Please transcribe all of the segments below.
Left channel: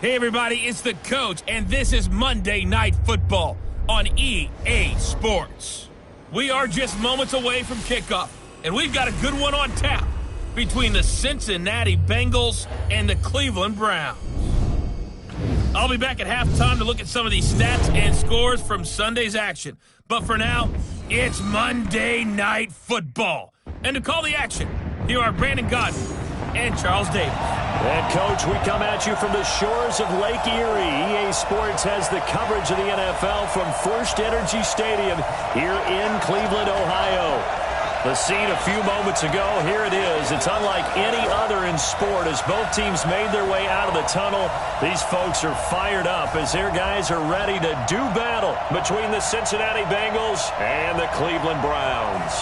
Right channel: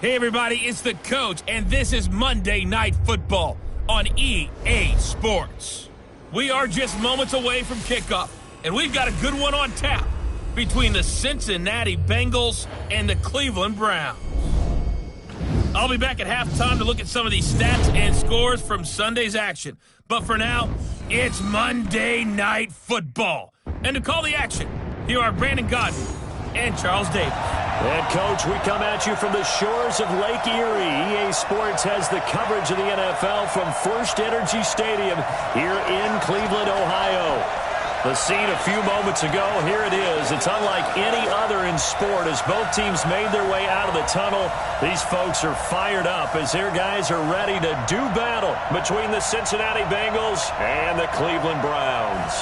Hey everybody, it's the coach, and this is Monday Night Football on EA Sports. We are just moments away from kickoff, and we've got a good one on tap between the Cincinnati Bengals and the Cleveland Browns. I'll be back at halftime to look at some of these stats and scores from Sunday's action. But for now, it's Monday Night Football. And to call the action, here are Brandon Godden and Charles Davis. And, Coach, we come at you from the shores of Lake Erie. EA Sports has the coverage of the NFL from First Energy Stadium here in Cleveland, Ohio. The scene a few moments ago, here it is. It's unlike any other in sport as both teams made their way out of the tunnel. These folks are fired up as their guys are ready to do battle between the Cincinnati Bengals and the Cleveland Browns.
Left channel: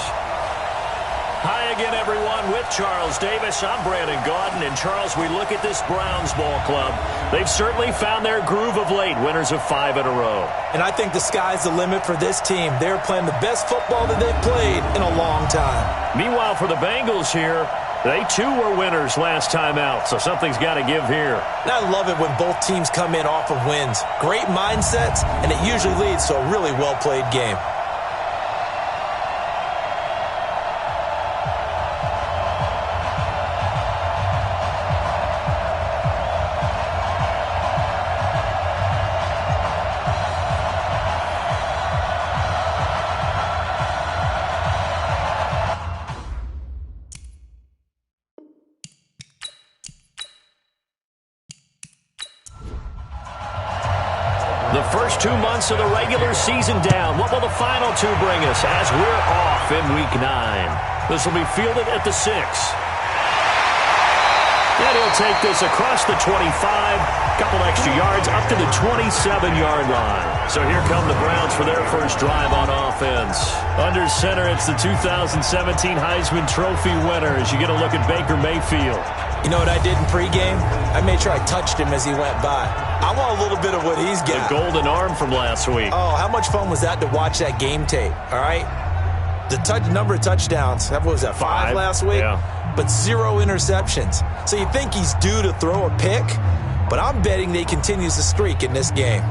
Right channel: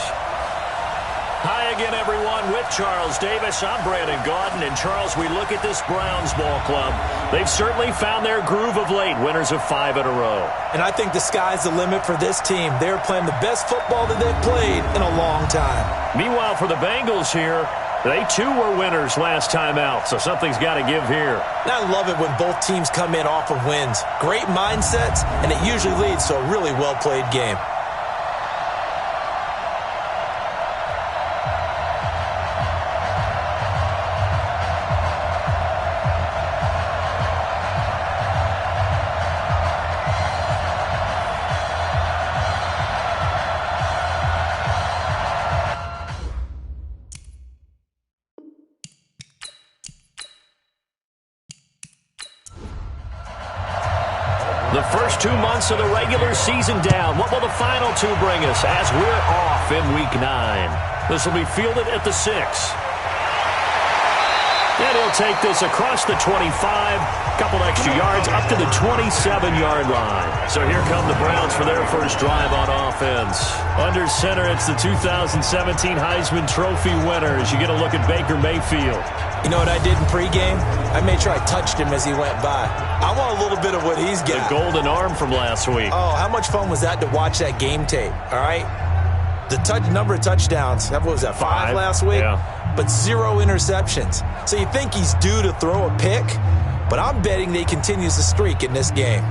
Hi again, everyone, with Charles Davis. I'm Brandon Godden. And, Charles, we look at this Browns ball club. They've certainly found their groove of late, winners of 5 in a row. And I think the sky's the limit for this team. They're playing the best football that they've played in a long time. Meanwhile, for the Bengals here, they, too, were winners last time out, so something's got to give here. And I love it when both teams come in off of wins. Great mindsets, and it usually leads to a really well-played game. The first 2 months of the regular season down. What will the final 2 bring us as we're off in Week 9? This will be fielded at the 6. And he'll take this across the 25, couple extra yards up to the 27-yard line. So here come the Browns for their first drive on offense. Under center, it's the 2017 Heisman Trophy winner as you get a look at Baker Mayfield. You know what I did in pregame? I made sure I touched him as he went by. I want a little bit of what he's got. The golden arm from last week. Oh, how much fun was that to watch that game tape, all right? The number of touchdowns, what was that, 5 last week? Yeah. But 0 interceptions. So you think he's due to throw a pick, but I'm betting that he continues the streak in this game.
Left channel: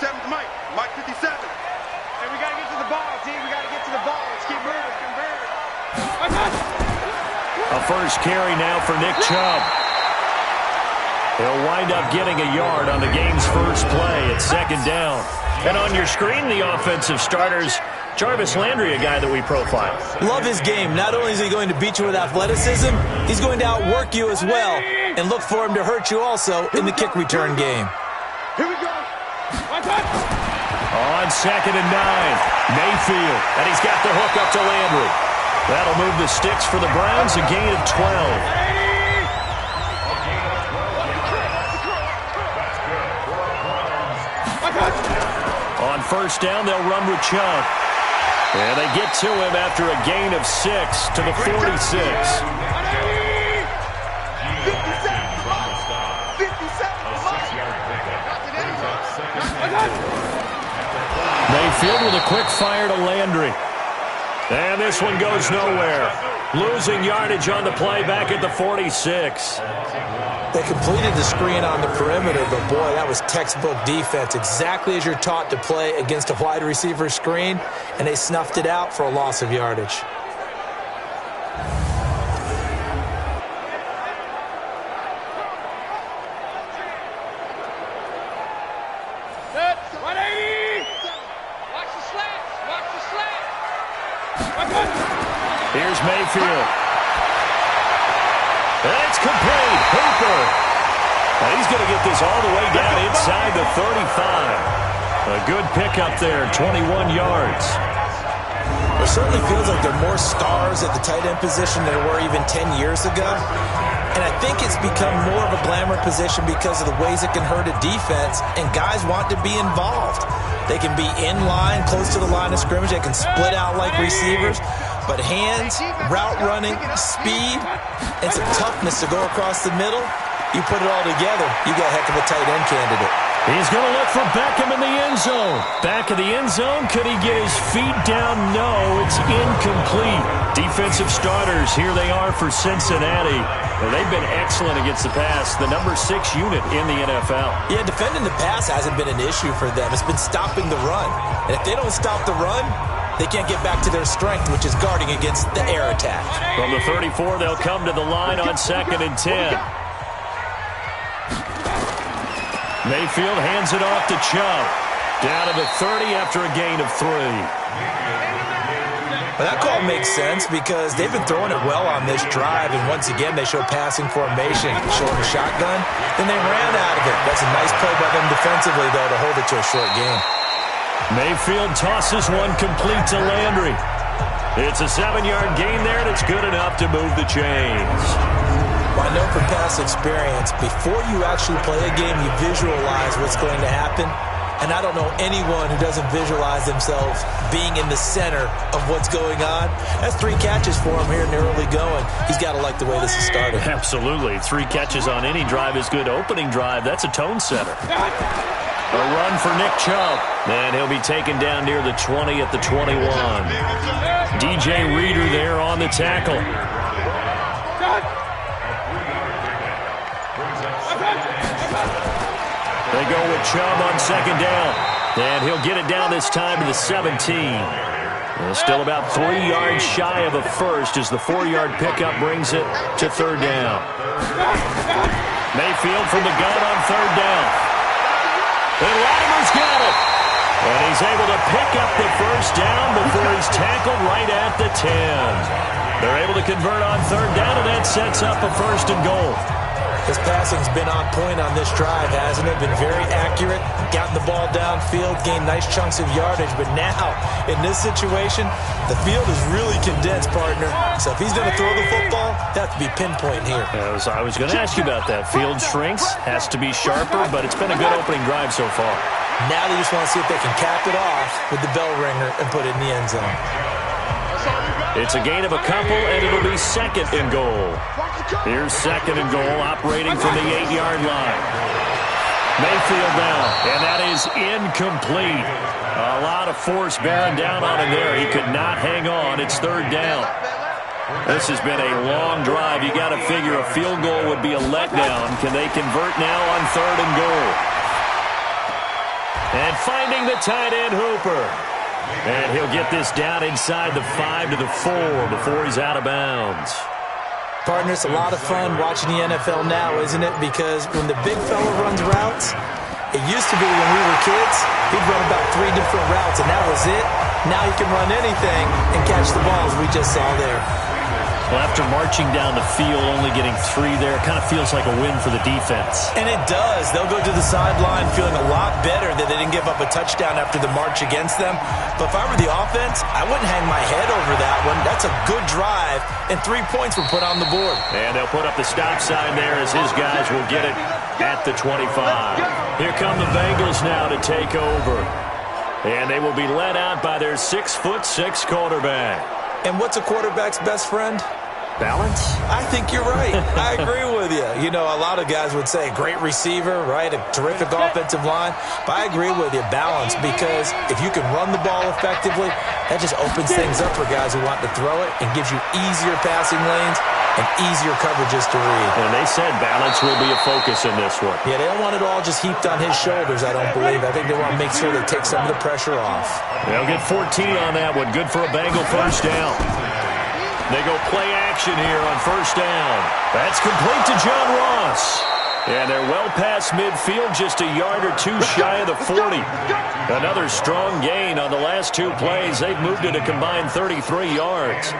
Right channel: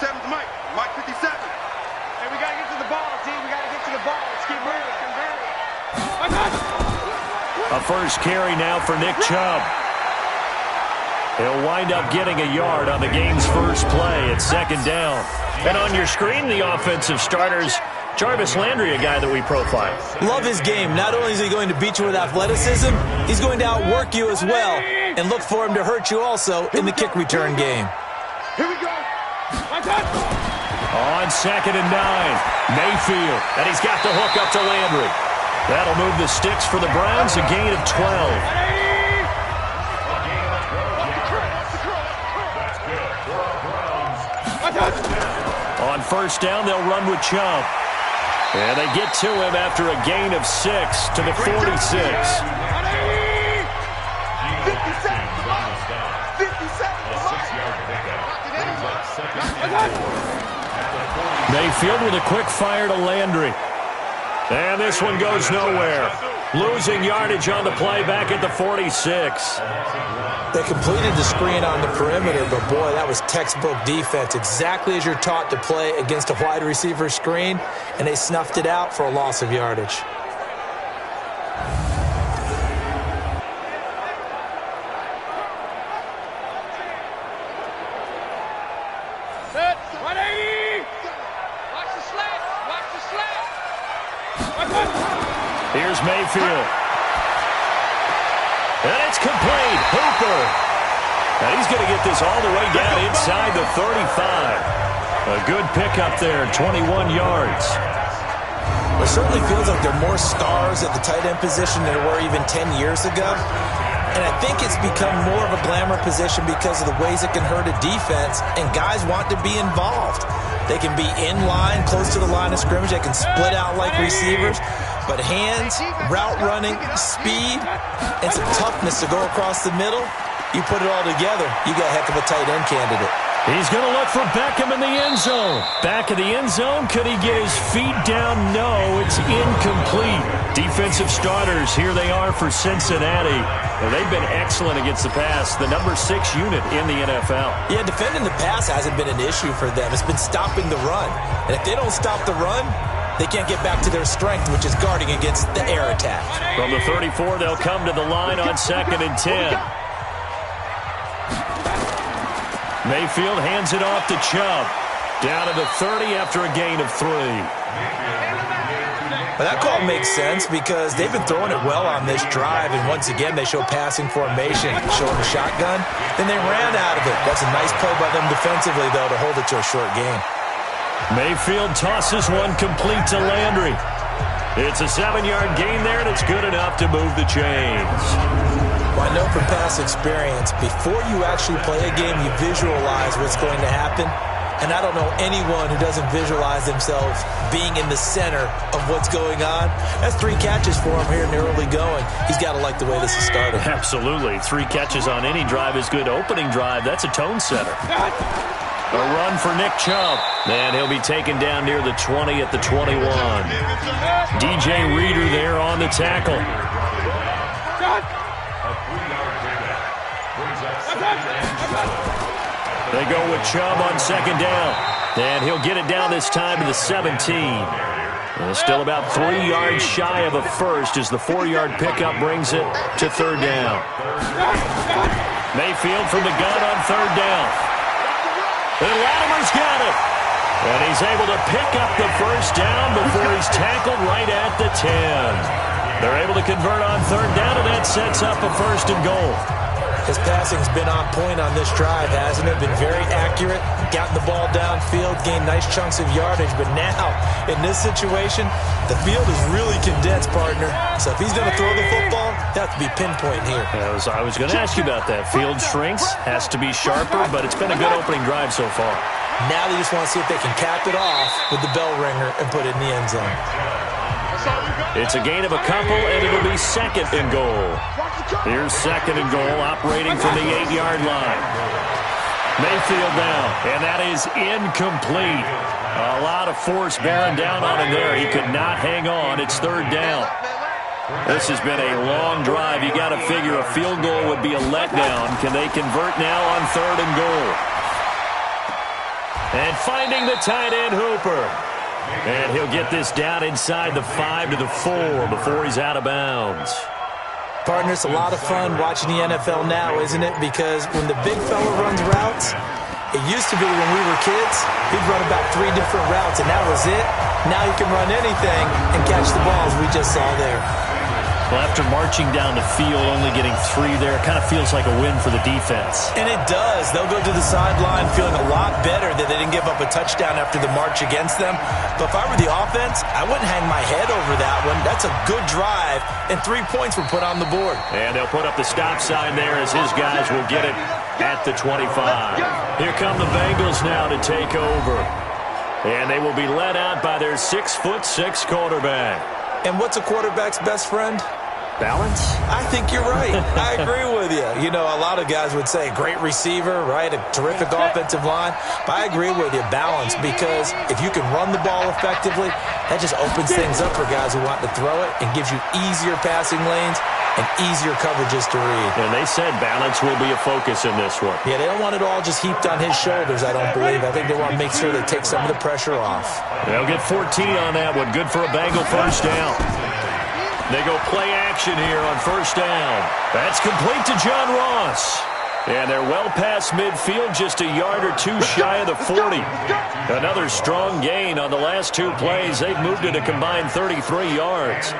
57's Mike. Mike 57. Hey, we got to get to the ball, D. We got to get to the ball. Let's keep moving. A first carry now for Nick Chubb. He'll wind up getting a yard on the game's first play at second down. And on your screen, the offensive starters, Jarvis Landry, a guy that we profile. Love his game. Not only is he going to beat you with athleticism, he's going to outwork you as well. And look for him to hurt you also in the kick return game. Here we go. On 2nd and 9, Mayfield. And he's got the hook up to Landry. That'll move the sticks for the Browns, a gain of 12. On first down, they'll run with Chubb. And they get to him after a gain of 6 to the 46. Mayfield with a quick fire to Landry. And this one goes nowhere. Losing yardage on the play back at the 46. They completed the screen on the perimeter, but boy, that was textbook defense. Exactly as you're taught to play against a wide receiver screen, and they snuffed it out for a loss of yardage. Set. 180. Watch the slants. Watch the slants. Here's Mayfield. And it's complete. Hooper. And he's going to get this all the way down inside the 35. A good pickup there, 21 yards. It certainly feels like there are more stars at the tight end position than there were even 10 years ago. And I think it's become more of a glamour position because of the ways it can hurt a defense, and guys want to be involved. They can be in line, close to the line of scrimmage. They can split out like receivers. But hands, route running, speed, and some toughness to go across the middle, you put it all together, you got a heck of a tight end candidate. He's going to look for Beckham in the end zone. Back of the end zone. Could he get his feet down? No, it's incomplete. Defensive starters, here they are for Cincinnati. Well, they've been excellent against the pass, the number 6 unit in the NFL. Yeah, defending the pass hasn't been an issue for them. It's been stopping the run. And if they don't stop the run, they can't get back to their strength, which is guarding against the air attack. From the 34, they'll come to the line on 2nd and 10. Mayfield hands it off to Chubb. Down to the 30 after a gain of 3. Well, that call makes sense because they've been throwing it well on this drive, and once again they show passing formation, showing the shotgun. Then they ran out of it. That's a nice play by them defensively, though, to hold it to a short game. Mayfield tosses one complete to Landry. It's a 7-yard gain there, and it's good enough to move the chains. Well, I know from past experience, before you actually play a game, you visualize what's going to happen. And I don't know anyone who doesn't visualize themselves being in the center of what's going on. That's 3 catches for him here in the early going. He's got to like the way this has started. Absolutely. 3 catches on any drive is good. Opening drive, that's a tone setter. A run for Nick Chubb. And he'll be taken down near the 20 at the 21. DJ Reader there on the tackle. They go with Chubb on 2nd down. And he'll get it down this time to the 17. Still about 3 yards shy of a first as the 4-yard pickup brings it to 3rd down. Mayfield from the gun on 3rd down. And Latimer's got it. And he's able to pick up the first down before he's tackled right at the 10. They're able to convert on 3rd down, and that sets up a 1st and goal. His passing's been on point on this drive, hasn't it? Been very accurate, gotten the ball downfield, gained nice chunks of yardage. But now, in this situation, the field is really condensed, partner. So if he's going to throw the football, he'll have to be pinpoint here. I was going to ask you about that. Field shrinks, has to be sharper, but it's been a good opening drive so far. Now they just want to see if they can cap it off with the bell ringer and put it in the end zone. It's a gain of a couple, and it'll be 2nd and goal. Here's 2nd and goal, operating from the 8-yard line. Mayfield down, and that is incomplete. A lot of force bearing down on him there. He could not hang on. It's 3rd down. This has been a long drive. You got to figure a field goal would be a letdown. Can they convert now on 3rd and goal? And finding the tight end, Hooper. And he'll get this down inside the 5 to the 4 before he's out of bounds. Partner, it's a lot of fun watching the NFL now, isn't it? Because when the big fella runs routes, it used to be when we were kids, he'd run about 3 different routes, and that was it. Now he can run anything and catch the balls we just saw there. Well, after marching down the field, only getting 3 there, kind of feels like a win for the defense. And it does. They'll go to the sideline feeling a lot better that they didn't give up a touchdown after the march against them. But if I were the offense, I wouldn't hang my head over that one. That's a good drive, and 3 points were put on the board. And they'll put up the stop sign there as his guys will get it at the 25. Here come the Bengals now to take over. And they will be led out by their 6'6" quarterback. And what's a quarterback's best friend? Balance? I think you're right. I agree with you. You know, a lot of guys would say great receiver, right? A terrific offensive line. But I agree with you, balance, because if you can run the ball effectively, that just opens things up for guys who want to throw it and gives you easier passing lanes and easier coverages to read. And they said balance will be a focus in this one. Yeah, they don't want it all just heaped on his shoulders, I don't believe. I think they want to make sure they take some of the pressure off. They'll get 14 on that one. Good for a Bengal first down. They go play action here on first down. That's complete to John Ross. And they're well past midfield, just a yard or 2 shy of the 40. Another strong gain on the last 2 plays. They've moved it a combined 33 yards.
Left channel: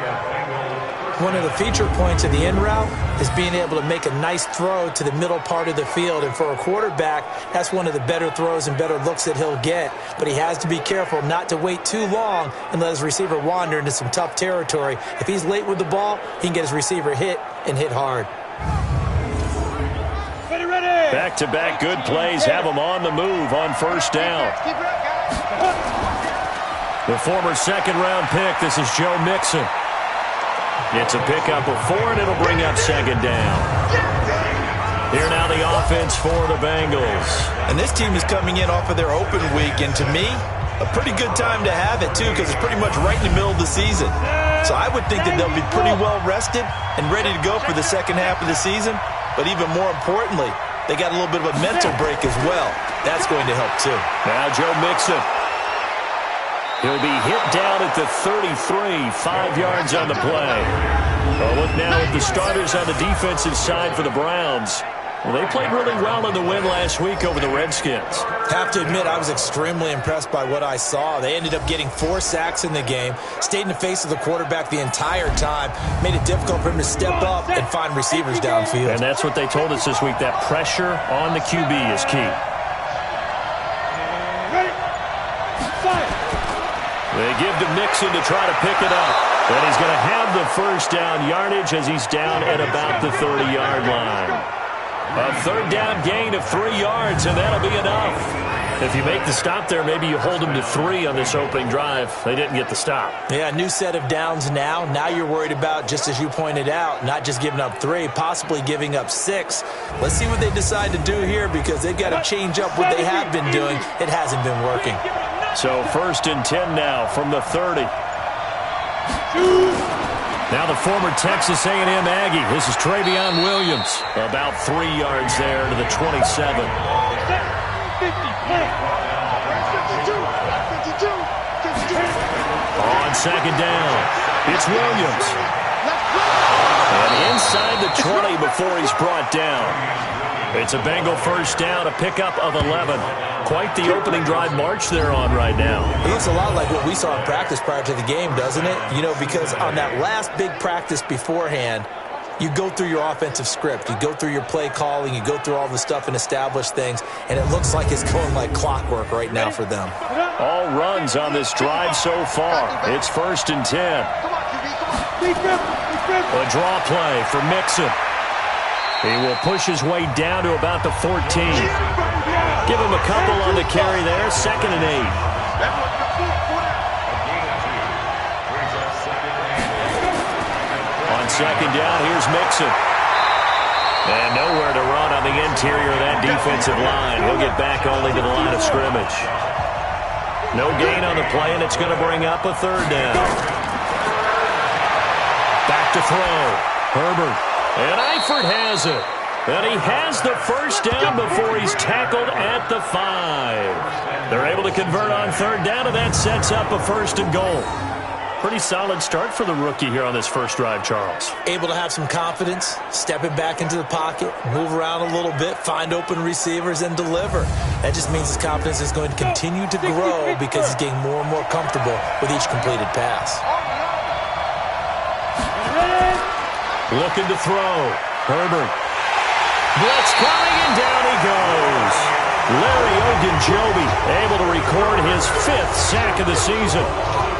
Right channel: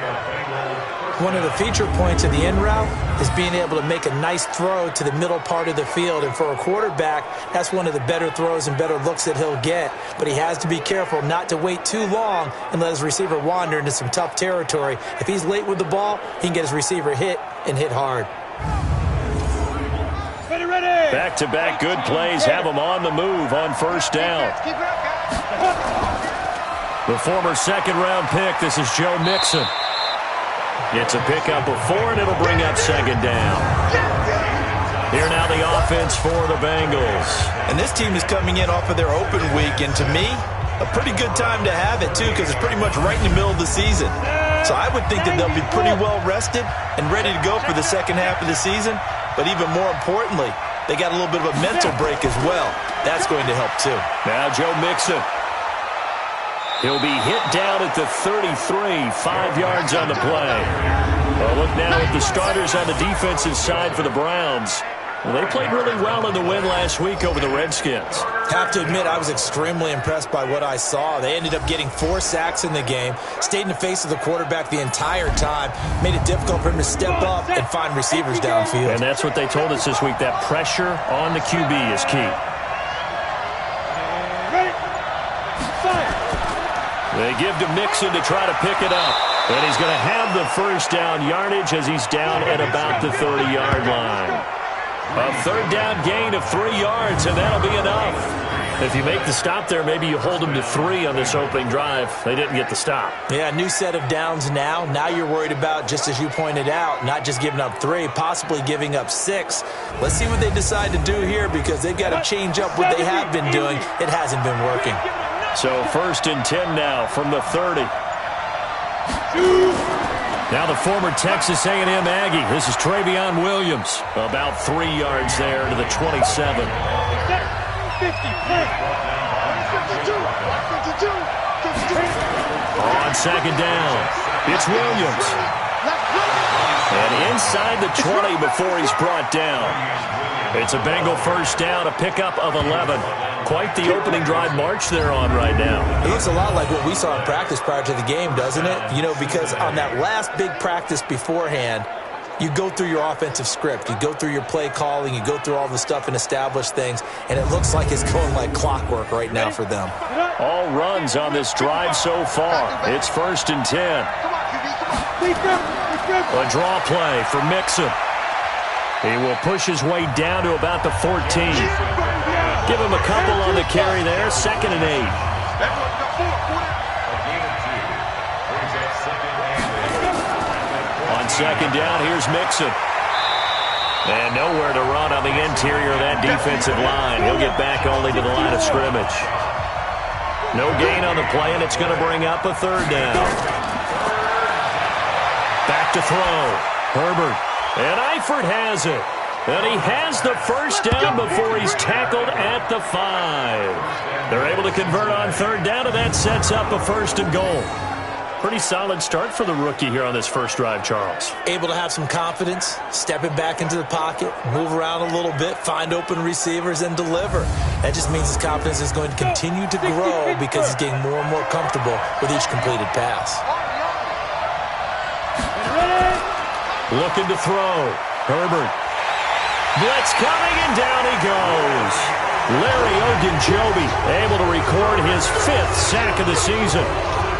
One of the feature points of the in route is being able to make a nice throw to the middle part of the field. And for a quarterback, that's one of the better throws and better looks that he'll get. But he has to be careful not to wait too long and let his receiver wander into some tough territory. If he's late with the ball, he can get his receiver hit and hit hard. Back-to-back good plays have them on the move on first down. The former second-round pick, this is Joe Mixon. It's a pickup of 4, and it'll bring up second down. Here now the offense for the Bengals. And this team is coming in off of their open week, and to me, a pretty good time to have it, too, because it's pretty much right in the middle of the season. So I would think that they'll be pretty well rested and ready to go for the second half of the season. But even more importantly, they got a little bit of a mental break as well. That's going to help, too. Now Joe Mixon. He'll be hit down at the 33, 5 yards on the play. Oh, look now at the starters on the defensive side for the Browns. Well, they played really well in the win last week over the Redskins. Have to admit, I was extremely impressed by what I saw. They ended up getting 4 sacks in the game, stayed in the face of the quarterback the entire time, made it difficult for him to step up and find receivers downfield. And that's what they told us this week, that pressure on the QB is key. They give to Mixon to try to pick it up. And he's going to have the first down yardage as he's down at about the 30-yard line. A third down gain of 3 yards, and that'll be enough. If you make the stop there, maybe you hold them to 3 on this opening drive. They didn't get the stop. Yeah, new set of downs now. Now you're worried about, just as you pointed out, not just giving up 3, possibly giving up 6. Let's see what they decide to do here, because they've got to change up what they have been doing. It hasn't been working. So 1st and 10 now from the 30. Now the former Texas A&M Aggie. This is Travion Williams. About 3 yards there to the 27. On second down, it's Williams. And inside the 20 before he's brought down. It's a Bengal first down, a pickup of 11. Quite the opening drive march they're on right now. It looks a lot like what we saw in practice prior to the game, doesn't it? You know, because on that last big practice beforehand, you go through your offensive script. You go through your play calling. You go through all the stuff and establish things. And it looks like it's going like clockwork right now for them. All runs on this drive so far. It's 1st and 10. A draw play for Mixon. He will push his way down to about the 14. Give him a couple on the carry there. 2nd and 8. On second down, here's Mixon. And nowhere to run on the interior of that defensive line. He'll get back only to the line of scrimmage. No gain on the play, and it's going to bring up a 3rd down. Back to throw. Herbert. And Eifert has it. And he has the first down before he's tackled at the 5. They're able to convert on third down, and that sets up a 1st and goal. Pretty solid start for the rookie here on this first drive, Charles. Able to have some confidence, stepping back into the pocket, move around a little bit, find open receivers, and deliver. That just means his confidence is going to continue to grow because he's getting more and more comfortable with each completed pass. Looking to throw. Herbert. Blitz coming, and down he goes. Larry Ogunjobi able to record his 5th sack of the season.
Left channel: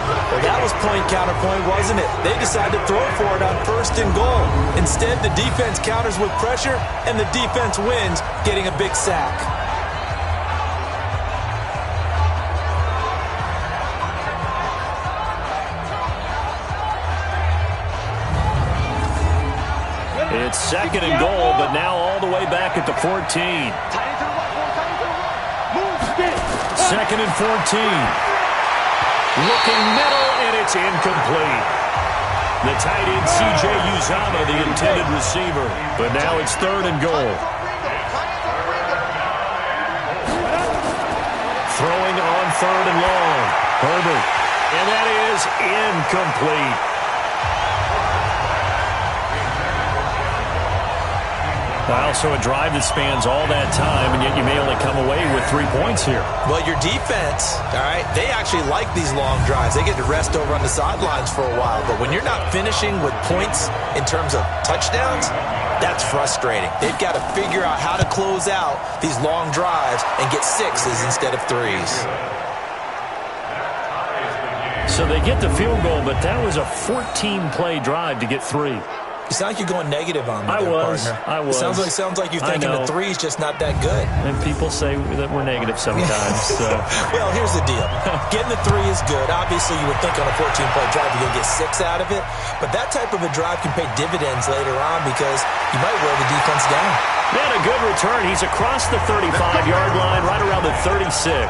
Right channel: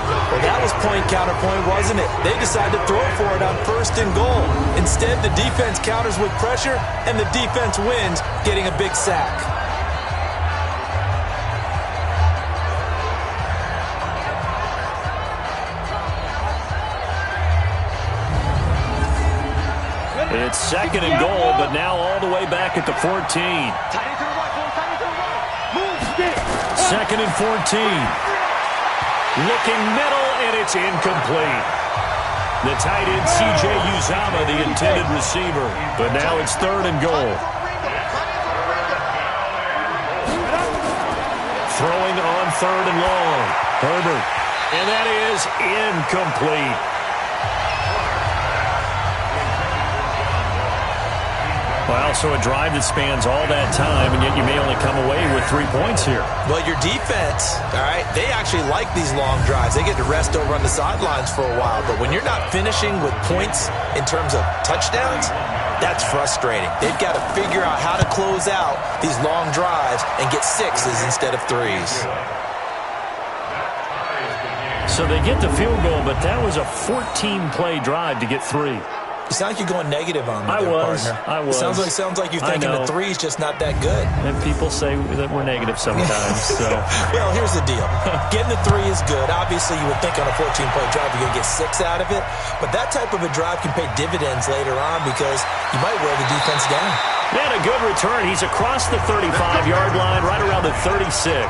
Well, that was point counterpoint, wasn't it? They decided to throw for it on 1st and goal. Instead, the defense counters with pressure, and the defense wins, getting a big sack. It's 2nd and goal, but now all the way back at the 14. Tight end to the right, boy. Tight end to the right. Move, get it. 2nd and 14. Looking middle, and it's incomplete. The tight end, C.J. Uzama, the intended receiver. But now it's 3rd and goal. Throwing on 3rd and long. Herbert. And that is incomplete. Well, so a drive that spans all that time, and yet you may only come away with 3 points here. Well, your defense, all right, they actually like these long drives. They get to rest over on the sidelines for a while. But when you're not finishing with points in terms of touchdowns, that's frustrating. They've got to figure out how to close out these long drives and get 6s instead of 3s. So they get the field goal, but that was a 14-play drive to get 3. You sound like you're going negative on me I there, was. partner. I was. It sounds like you're thinking the 3's just not that good. And people say that we're negative sometimes. So. Well, here's the deal. Getting the 3 is good. Obviously, you would think on a 14-play drive you're going to get 6 out of it. But that type of a drive can pay dividends later on because you might wear the defense down. And a good return. He's across the 35-yard line, right around the 36.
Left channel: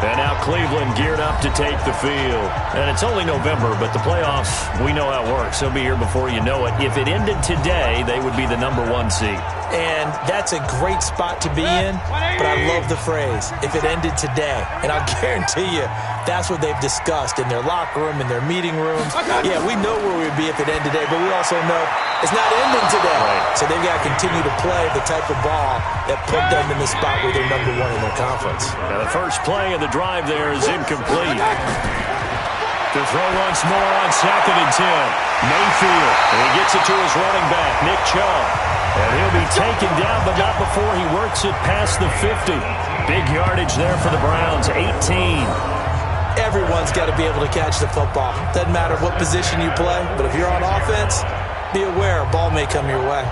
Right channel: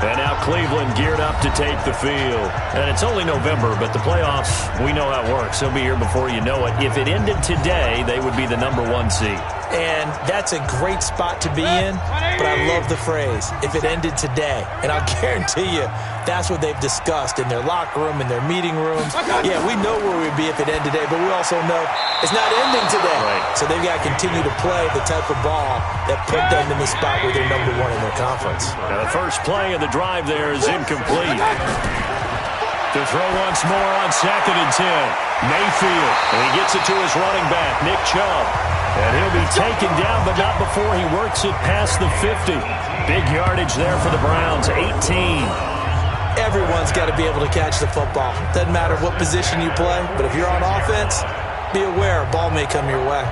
And now Cleveland geared up to take the field. And it's only November, but the playoffs, we know how it works. They'll be here before you know it. If it ended today, they would be the #1 seed. And that's a great spot to be in, but I love the phrase, if it ended today. And I'll guarantee you, that's what they've discussed in their locker room, in their meeting rooms. Yeah, we know where we'd be if it ended today, but we also know it's not ending today. Right. So they've got to continue to play the type of ball that put them in the spot where they're #1 in their conference. Now the first play of the drive there is incomplete. To throw once more on 2nd and 10. Mayfield, and he gets it to his running back, Nick Chubb. And he'll be taken down, but not before he works it past the 50. Big yardage there for the Browns, 18. Everyone's got to be able to catch the football. Doesn't matter what position you play, but if you're on offense, be aware a ball may come your way.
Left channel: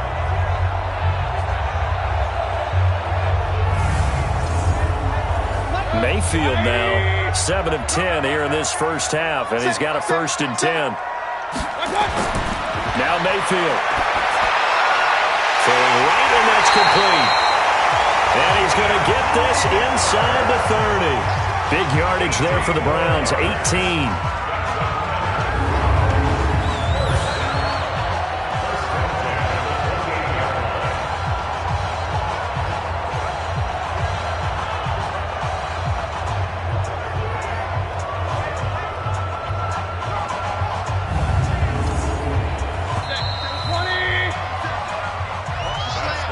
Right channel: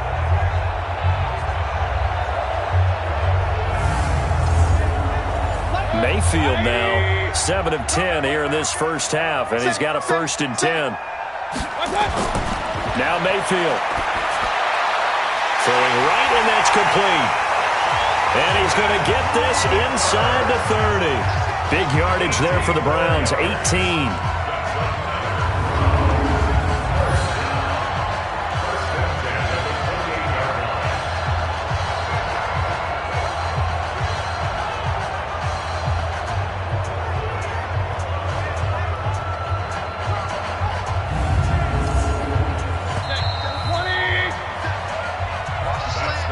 Mayfield now, 7 of 10 here in this first half, and he's got a 1st and 10. Now Mayfield. Throwing right, and that's complete. And he's going to get this inside the 30. Big yardage there for the Browns, 18.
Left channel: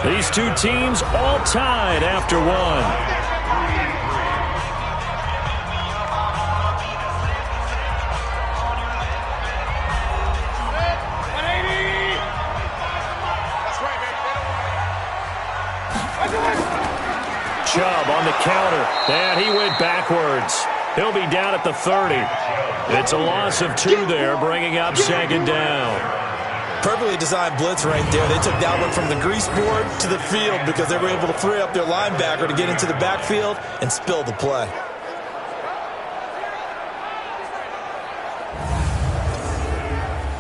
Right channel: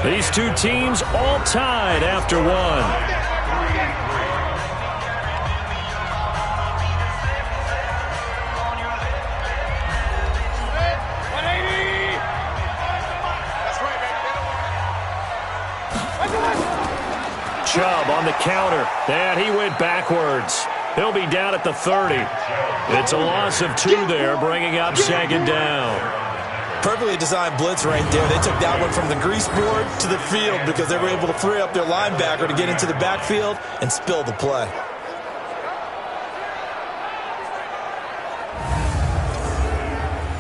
These two teams all tied after one. Chubb on the counter, and he went backwards. He'll be down at the 30. It's a loss of 2 there, bringing up 2nd down. Perfectly designed blitz right there. They took that one from the grease board to the field because they were able to free up their linebacker to get into the backfield and spill the play.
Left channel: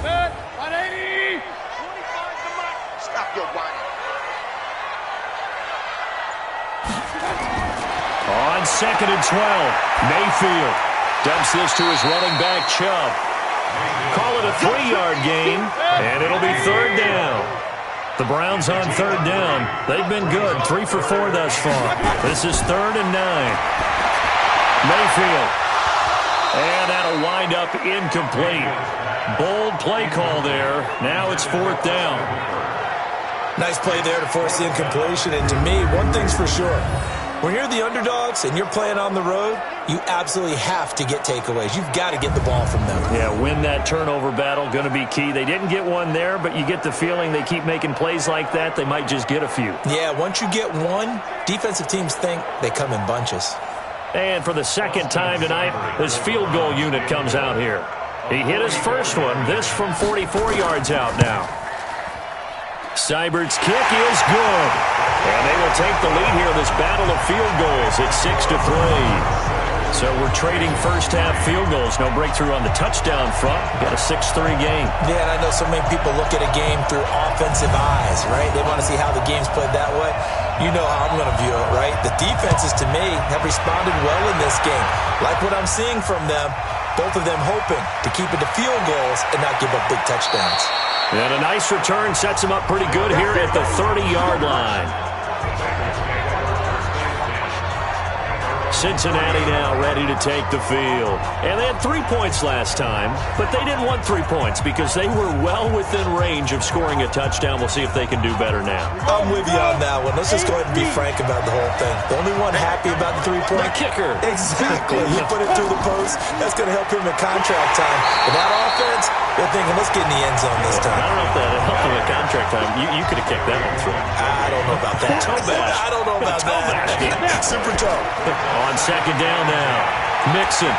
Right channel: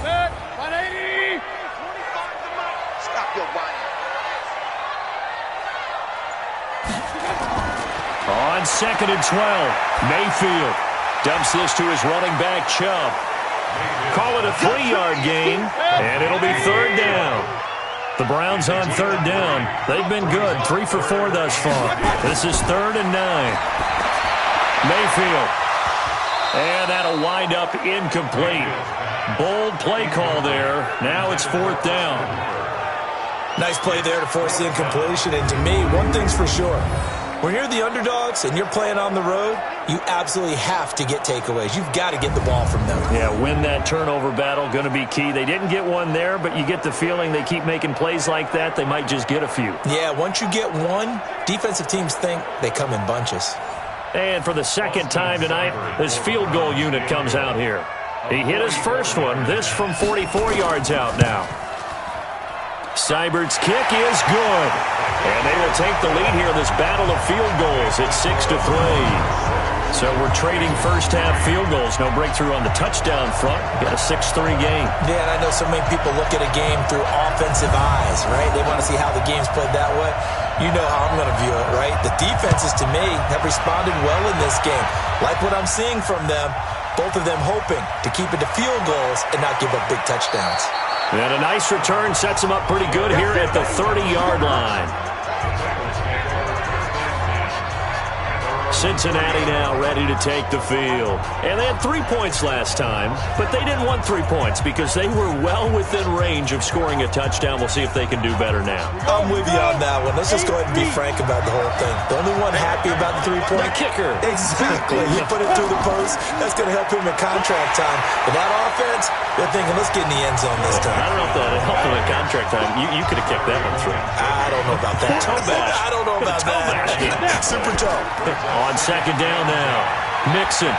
Set, 180. 25 to Mike. Stop your whining. On 2nd and 12, Mayfield dumps this to his running back, Chubb. Call it a 3-yard gain, and it'll be third down. The Browns on third down. They've been good, 3 for 4 thus far. This is 3rd and 9. Mayfield. And that'll wind up incomplete. Bold play call there. Now it's 4th down. Nice play there to force the incompletion. And to me, one thing's for sure. When you're the underdogs and you're playing on the road, you absolutely have to get takeaways. You've got to get the ball from them. Yeah, win that turnover battle, going to be key. They didn't get one there, but you get the feeling they keep making plays like that, they might just get a few. Yeah, once you get one, defensive teams think they come in bunches. And for the second time tonight, this field goal unit comes out here. He hit his first one, this from 44 yards out now. Seibert's kick is good. And they will take the lead here in this battle of field goals at 6-3. So we're trading first-half field goals. No breakthrough on the touchdown front. We got a 6-3 game. Yeah, and I know so many people look at a game through offensive eyes, right? They want to see how the game's played that way. You know how I'm going to view it, right? The defenses, to me, have responded well in this game. Like what I'm seeing from them, both of them hoping to keep it to field goals and not give up big touchdowns. And a nice return sets them up pretty good here at the 30-yard line. Cincinnati now ready to take the field. And they had 3 points last time, but they didn't want 3 points because they were well within range of scoring a touchdown. We'll see if they can do better now. I'm with you on that one. Let's just go ahead and be frank about the whole thing. The only one happy about the 3-point? The kicker. Exactly. You put it through the post. That's going to help him in contract time. But that offense, they're thinking, let's get in the end zone this time. I don't know if that helped him in contract time. You could have kicked that one through. I don't know about that. Toe bash. I don't know about that. Super toe. On second down now, Mixon.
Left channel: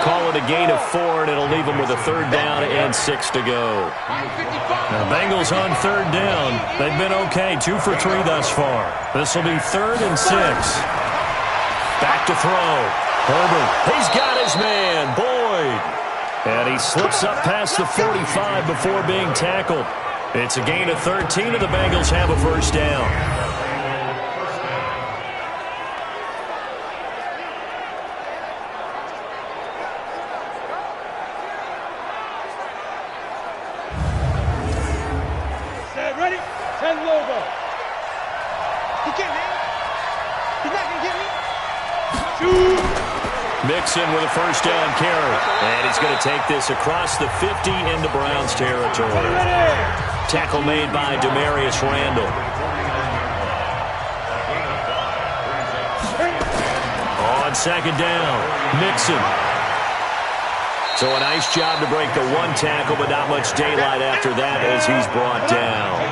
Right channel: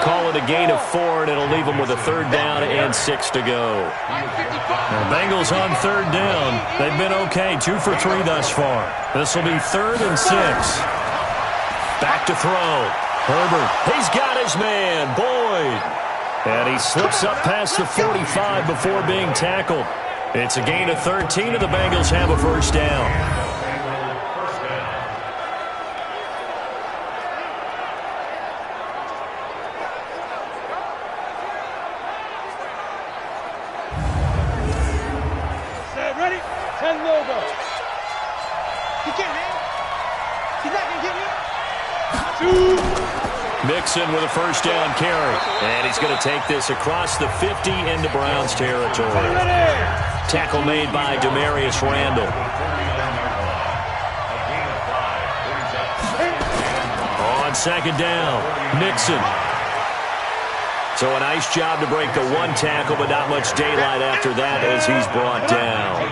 Call it a gain of 4, and it'll leave them with a 3rd down and 6 to go. The Bengals on 3rd down. They've been okay, 2 for 3 thus far. This will be 3rd and 6. Back to throw. Herbert, he's got his man, Boyd. And he slips up past the 45 before being tackled. It's a gain of 13, and the Bengals have a 1st down. Ready? 10 logo. He can't hang. He's not going to get me. 2. Mixon with a 1st down carry. And he's going to take this across the 50 into Browns territory. Tackle made by Demarius Randall. On 2nd down, Mixon. So a nice job to break the 1 tackle, but not much daylight after that as he's brought down.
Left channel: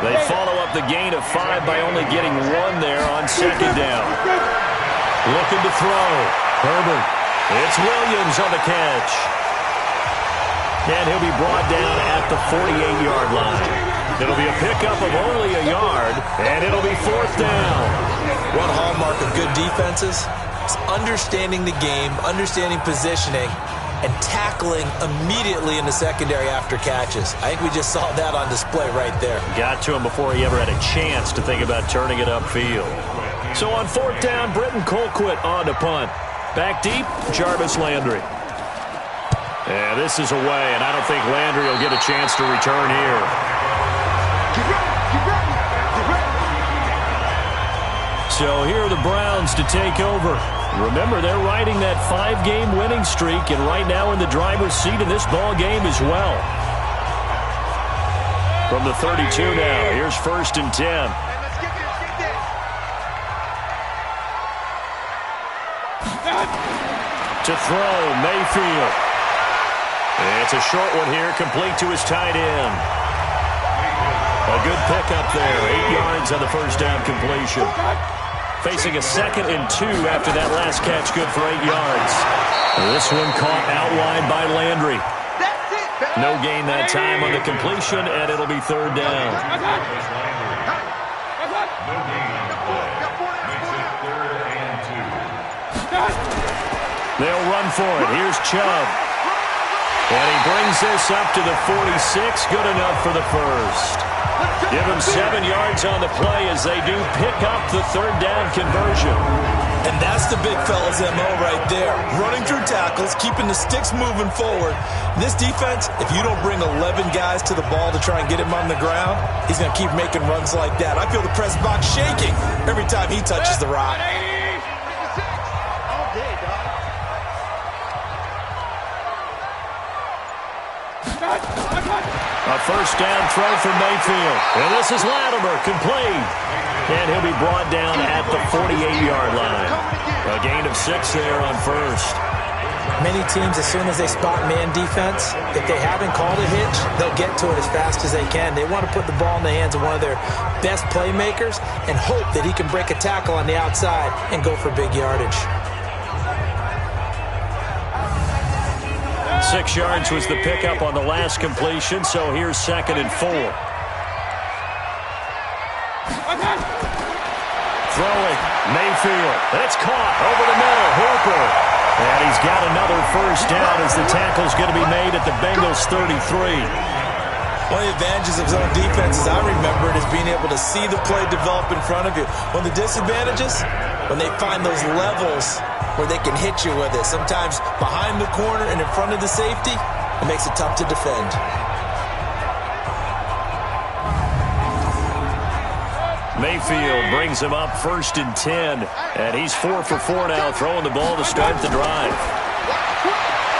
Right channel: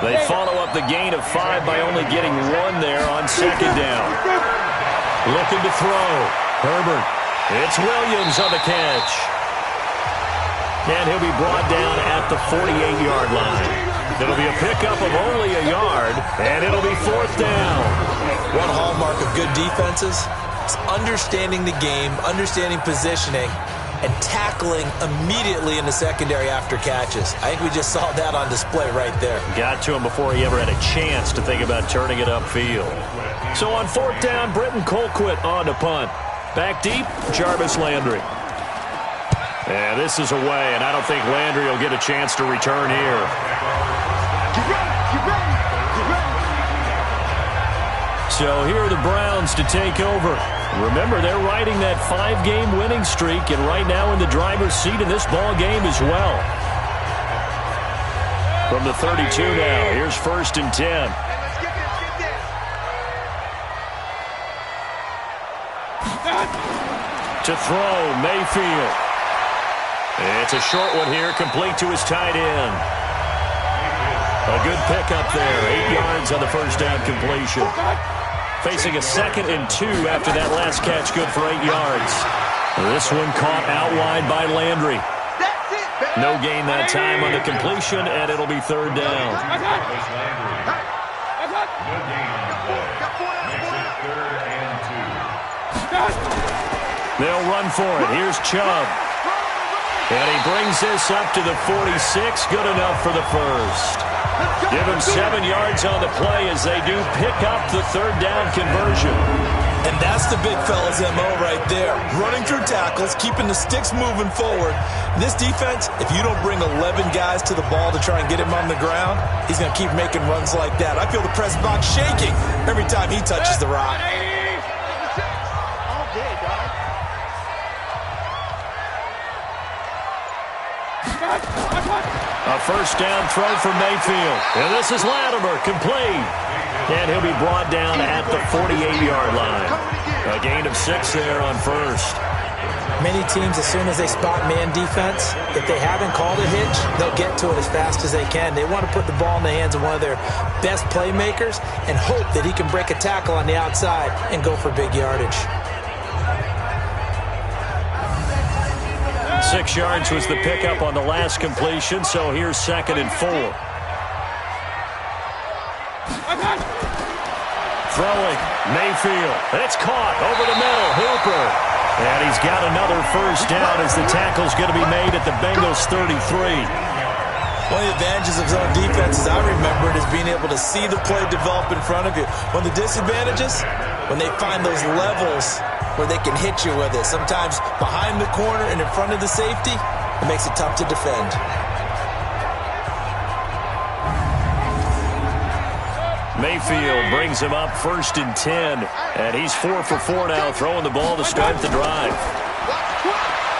They follow up the gain of 5 by only getting 1 there on 2nd down. Looking to throw. Herbert. It's Williams on the catch. And he'll be brought down at the 48-yard line. It'll be a pickup of only a yard, and it'll be 4th down. One hallmark of good defenses is understanding the game, understanding positioning, and tackling immediately in the secondary after catches. I think we just saw that on display right there. Got to him before he ever had a chance to think about turning it upfield. So on 4th down, Britton Colquitt on to punt. Back deep, Jarvis Landry. And this is away, and I don't think Landry will get a chance to return here. Get ready, get ready, get ready. So here are the Browns to take over. Remember, they're riding that 5-game winning streak, and right now in the driver's seat in this ball game as well. From the 32 now, here's 1st and 10. Hey, let's get this, get this. To throw, Mayfield. It's a short one here, complete to his tight end. A good pickup there, 8 yards on the 1st down completion. Facing a 2nd and 2 after that last catch, good for 8 yards. This one caught out wide by Landry. No gain that time on the completion, and it'll be 3rd down. They'll run for it. Here's Chubb. And he brings this up to the 46. Good enough for the 1st. Give him 7 yards on the play as they do pick up the 3rd down conversion. And that's the big fella's MO right there. Running through tackles, keeping the sticks moving forward. This defense, if you don't bring 11 guys to the ball to try and get him on the ground, he's going to keep making runs like that. I feel the press box shaking every time he touches the rock. 180, 56. All day, dog. A first down throw for Mayfield. And this is Latimer, complete. And he'll be brought down at the 48-yard line. A gain of 6 there on first. Many teams, as soon as they spot man defense, if they haven't called a hitch, they'll get to it as fast as they can. They want to put the ball in the hands of one of their best playmakers and hope that he can break a tackle on the outside and go for big yardage. 6 yards was the pickup on the last completion, so here's 2nd and 4. Throwing, Mayfield, and it's caught over the middle, Hooper. And he's got another first down as the tackle's going to be made at the Bengals 33. One of the advantages of zone defense, as I remember it, is being able to see the play develop in front of you. One of the disadvantages, when they find those levels where they can hit you with it, sometimes behind the corner and in front of the safety, it makes it tough to defend. Mayfield brings him up 1st and 10, and he's 4 for 4 now, throwing the ball to start the drive.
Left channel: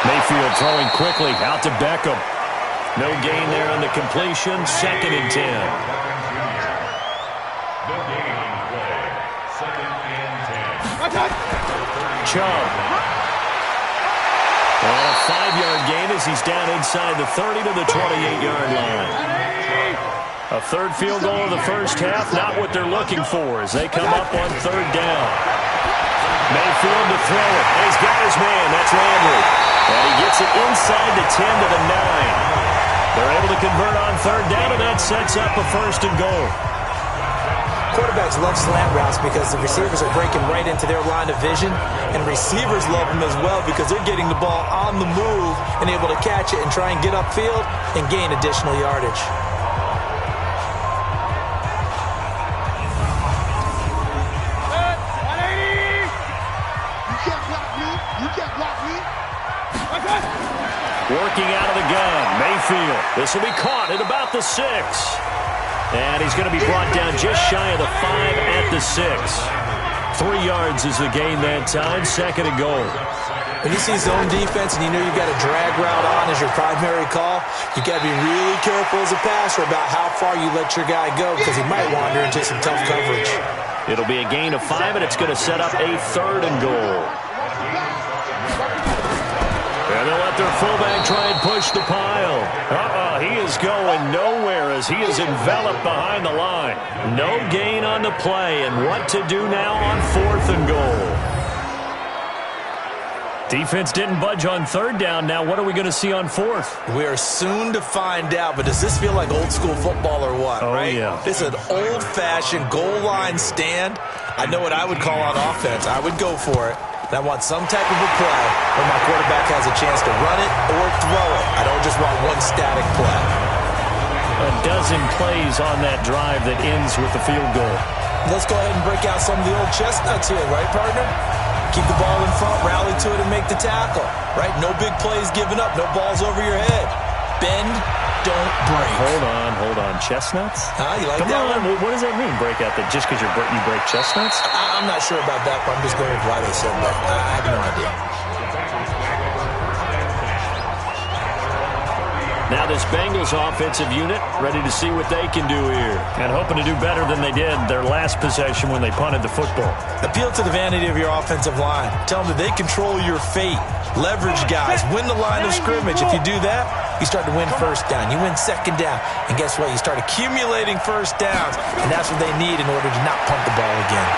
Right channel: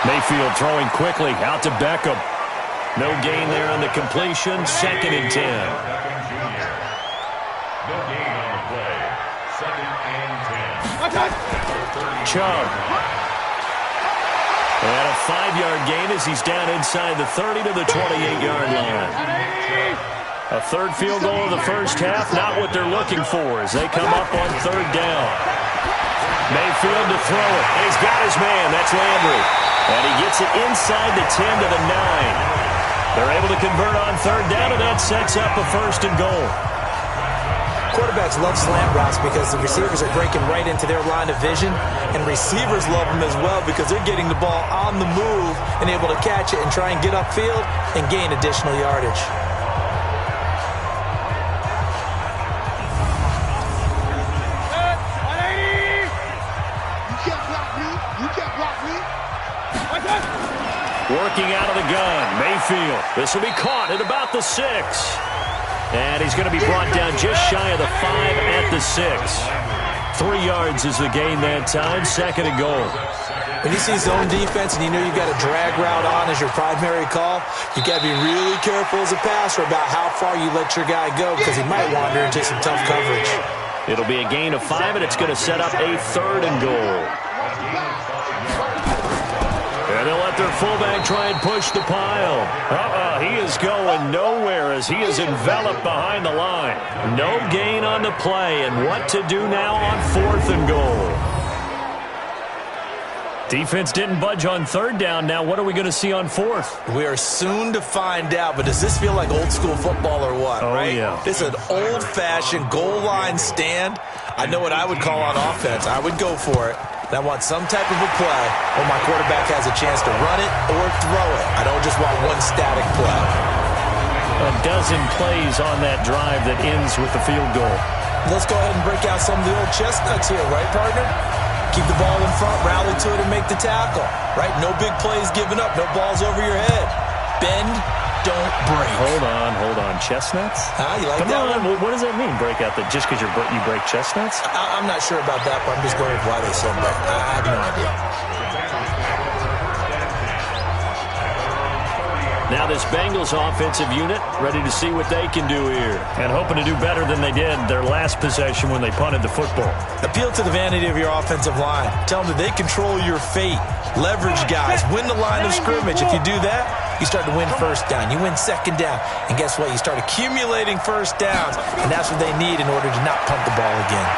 Mayfield throwing quickly out to Beckham. No gain there on the completion, 2nd and 10. No gain on the play. 2nd and 10. Chubb. And a 5-yard gain as he's down inside the 30 to the 28-yard line. A third field goal of the first half, not what they're looking for as they come up on 3rd down. Mayfield to throw it, and he's got his man, that's Landry. And he gets it inside the 10 to the 9. They're able to convert on 3rd down, and that sets up a 1st and goal. Quarterbacks love slant routes because the receivers are breaking right into their line of vision, and receivers love them as well because they're getting the ball on the move and able to catch it and try and get upfield and gain additional yardage. Working out of the gun, Mayfield. This will be caught at about the 6. And he's going to be brought down just shy of the 5 at the 6. 3 yards is the gain that time, 2nd and goal. When you see zone defense and you know you've got a drag route on as your primary call, you've got to be really careful as a passer about how far you let your guy go because he might wander into some tough coverage. It'll be a gain of 5, and it's going to set up a 3rd and goal. And they'll let their fullback try and push the pile. He is going nowhere as he is enveloped behind the line. No gain on the play, and what to do now on 4th and goal. Defense didn't budge on 3rd down. Now what are we going to see on 4th? We are soon to find out, but does this feel like old school football or what, right? Yeah. This is an old-fashioned goal line stand. I know what I would call on offense. I would go for it. And I want some type of a play where my quarterback has a chance to run it or throw it. I don't just want one static play. A dozen plays on that drive that ends with the field goal. Let's go ahead and break out some of the old chestnuts here, right, partner? Keep the ball in front, rally to it, and make the tackle, right? No big plays given up, no balls over your head. Bend, don't break. Hold on. Chestnuts? You like Come that on. one? What does that mean, break out? Just because you break chestnuts? I'm not sure about that, but I'm just going with why they said that. I have no idea. Now this Bengals offensive unit ready to see what they can do here. And hoping to do better than they did their last possession when they punted the football. Appeal to the vanity of your offensive line. Tell them that they control your fate. Leverage guys. Win the line of scrimmage. If you do that, you start to win 1st down. You win 2nd down. And guess what? You start accumulating 1st downs. And that's what they need in order to not punt the ball again.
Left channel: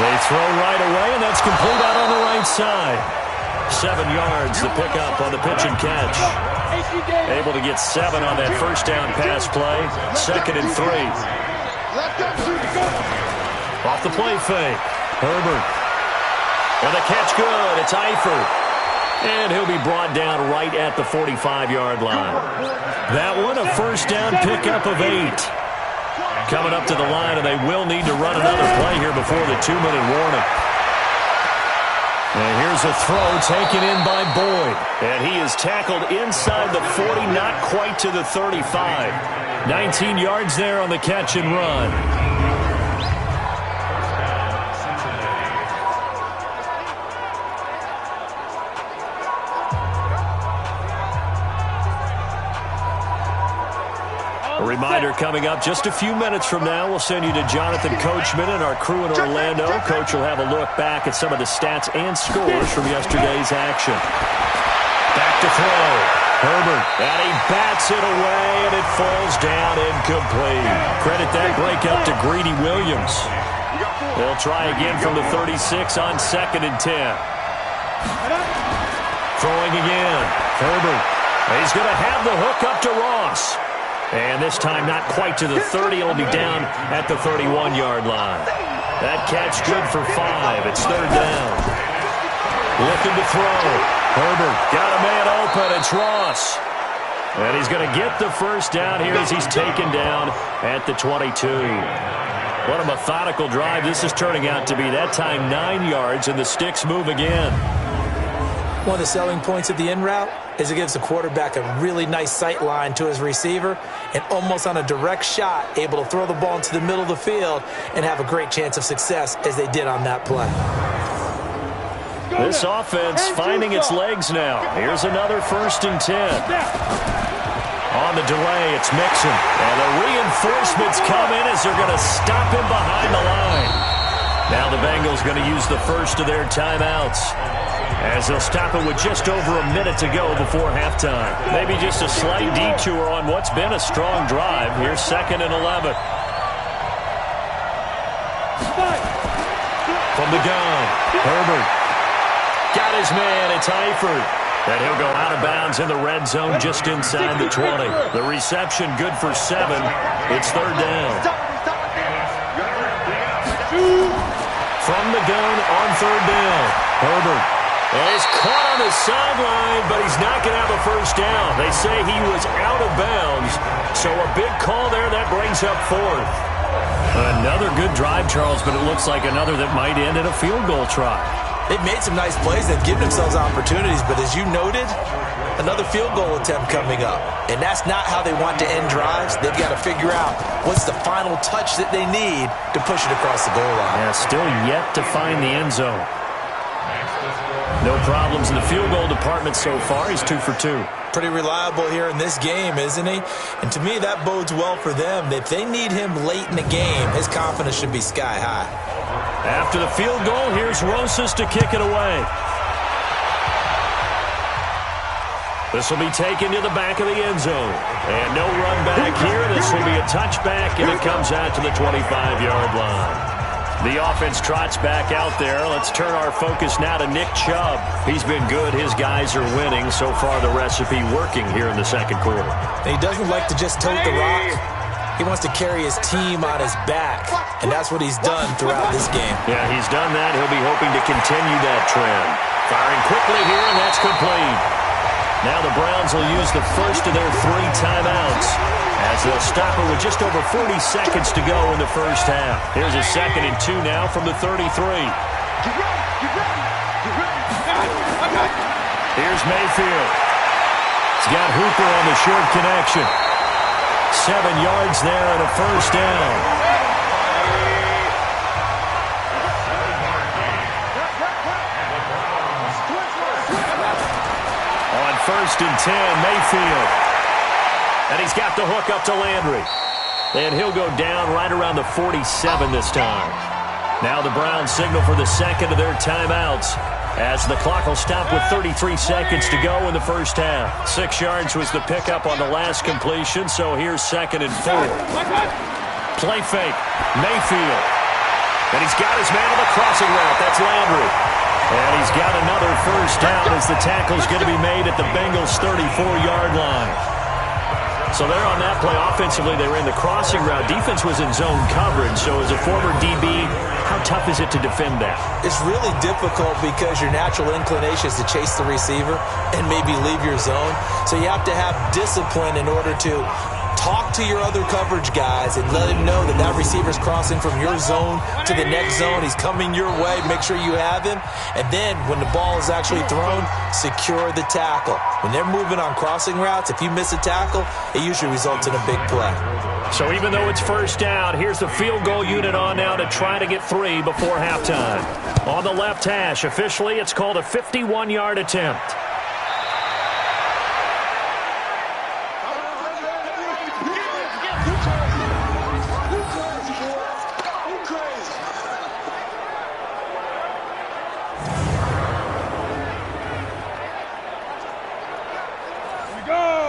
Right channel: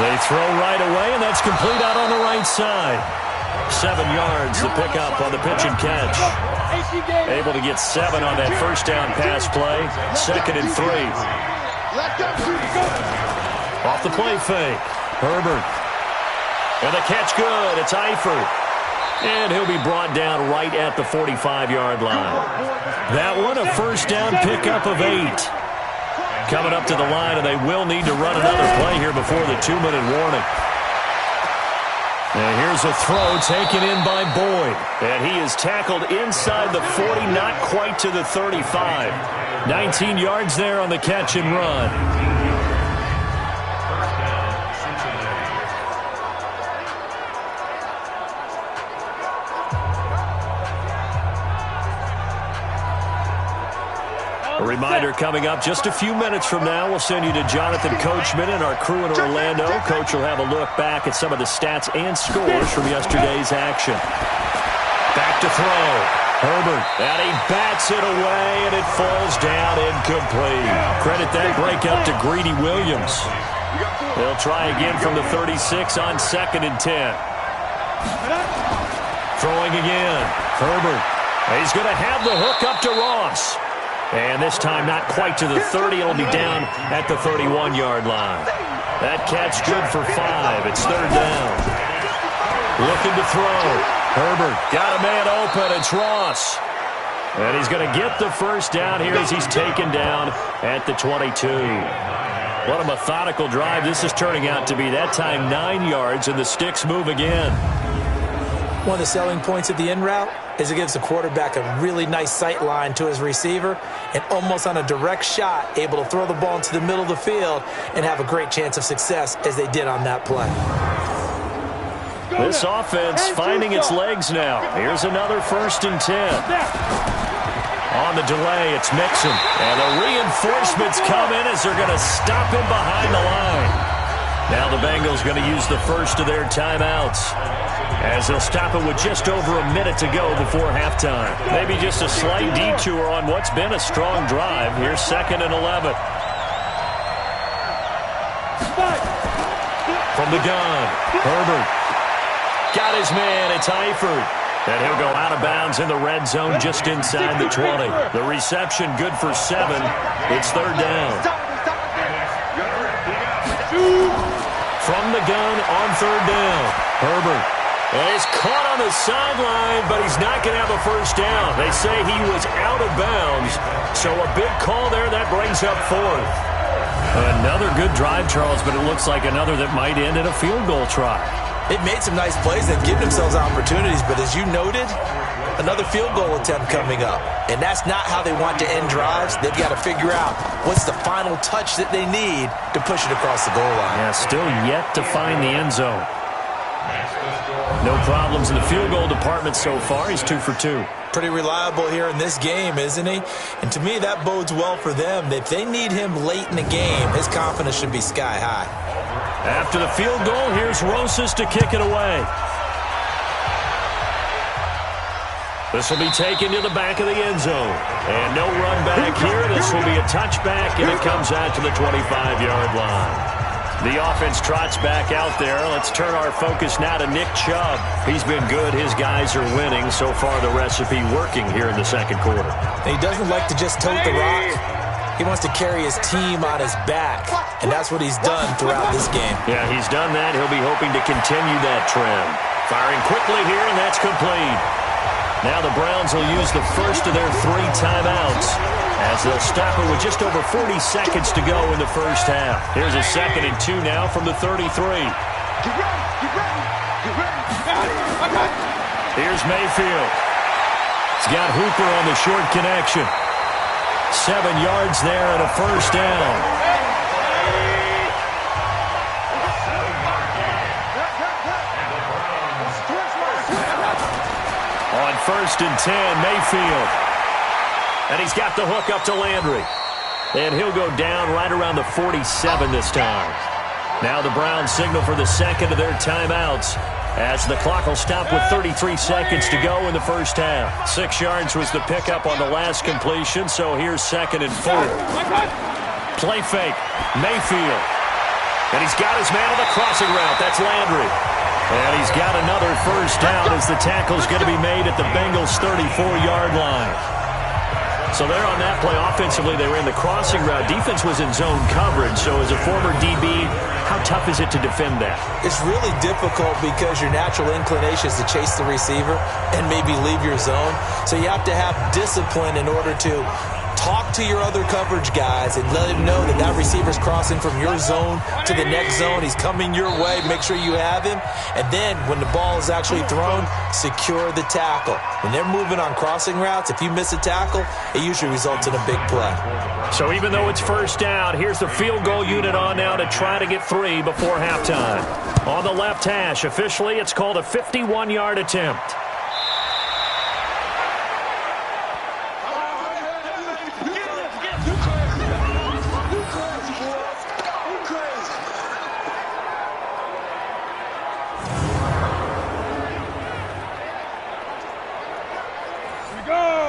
They throw right away, and that's complete out on the right side. 7 yards, the pickup on the pitch and catch. Able to get 7 on that 1st down pass play. 2nd and 3. Off the play fake. Herbert. And the catch good. It's Eifert. And he'll be brought down right at the 45-yard line. That one, a 1st down pickup of 8. Coming up to the line, and they will need to run another play here before the 2-minute warning. And here's a throw taken in by Boyd. And he is tackled inside the 40, not quite to the 35. 19 yards there on the catch and run. A reminder coming up just a few minutes from now. We'll send you to Jonathan Coachman and our crew in Orlando. Coach will have a look back at some of the stats and scores from yesterday's action. Back to throw. Herbert, and he bats it away, and it falls down incomplete. Credit that breakup to Greedy Williams. They'll try again from the 36 on 2nd and 10. Throwing again. Herbert. He's going to have the hook up to Ross. And this time not quite to the 30. It'll be down at the 31-yard line. That catch good for 5. It's 3rd down. Looking to throw. Herbert got a man open. It's Ross. And he's going to get the first down here as he's taken down at the 22. What a methodical drive this is turning out to be. That time 9 yards, and the sticks move again. One of the selling points of the in route is it gives the quarterback a really nice sight line to his receiver, and almost on a direct shot, able to throw the ball into the middle of the field and have a great chance of success as they did on that play. This offense finding its legs now. Here's another 1st and 10. On the delay, it's Mixon. And the reinforcements come in as they're going to stop him behind the line. Now the Bengals going to use the first of their timeouts, as they'll stop it with just over a minute to go before halftime. Maybe just a slight detour on what's been a strong drive. Here's 2nd and 11. From the gun, Herbert. Got his man, it's Eifert. And he'll go out of bounds in the red zone just inside the 20. The reception good for 7. It's 3rd down. From the gun on 3rd down, Herbert. And he's caught on the sideline, but he's not going to have a first down. They say he was out of bounds, so a big call there. That brings up 4th. Another good drive, Charles, but it looks like another that might end in a field goal try. They've made some nice plays. They've given themselves opportunities, but as you noted, another field goal attempt coming up. And that's not how they want to end drives. They've got to figure out what's the final touch that they need to push it across the goal line. Yeah, still yet to find the end zone. No problems in the field goal department so far. He's 2 for 2. Pretty reliable here in this game, isn't he? And to me, that bodes well for them. If they need him late in the game, his confidence should be sky high. After the field goal, here's Rosas to kick it away. This will be taken to the back of the end zone. And no run back here. This will be a touchback, and it comes out to the 25-yard line. The offense trots back out there. Let's turn our focus now to Nick Chubb. He's been good. His guys are winning. So far, the recipe working here in the 2nd quarter. He doesn't like to just tote the rock. He wants to carry his team on his back, and that's what he's done throughout this game. Yeah, he's done that. He'll be hoping to continue that trend. Firing quickly here, and that's complete. Now the Browns will use the first of their 3 timeouts, as they'll stop it with just over 40 seconds to go in the first half. Here's a 2nd and 2 now from the 33. Get ready, get ready, get ready. Here's Mayfield. He's got Hooper on the short connection. 7 yards there and a first down. On 1st and 10, Mayfield. And he's got the hook up to Landry. And he'll go down right around the 47 this time. Now the Browns signal for the 2nd of their timeouts, as the clock will stop with 33 seconds to go in the first half. 6 yards was the pickup on the last completion, so here's 2nd and 4. Play fake, Mayfield. And he's got his man on the crossing route. That's Landry. And he's got another first down as the tackle's going to be made at the Bengals' 34-yard line. So they're on that play. Offensively, they ran the crossing route. Defense was in zone coverage. So as a former DB, how tough is it to defend that? It's really difficult because your natural inclination is to chase the receiver and maybe leave your zone. So you have to have discipline in order to talk to your other coverage guys and let him know that that receiver's crossing from your zone to the next zone. He's coming your way. Make sure you have him. And then when the ball is actually thrown, secure the tackle. When they're moving on crossing routes, if you miss a tackle, it usually results in a big play. So even though it's first down, here's the field goal unit on now to try to get 3 before halftime. On the left hash, officially, it's called a 51-yard attempt.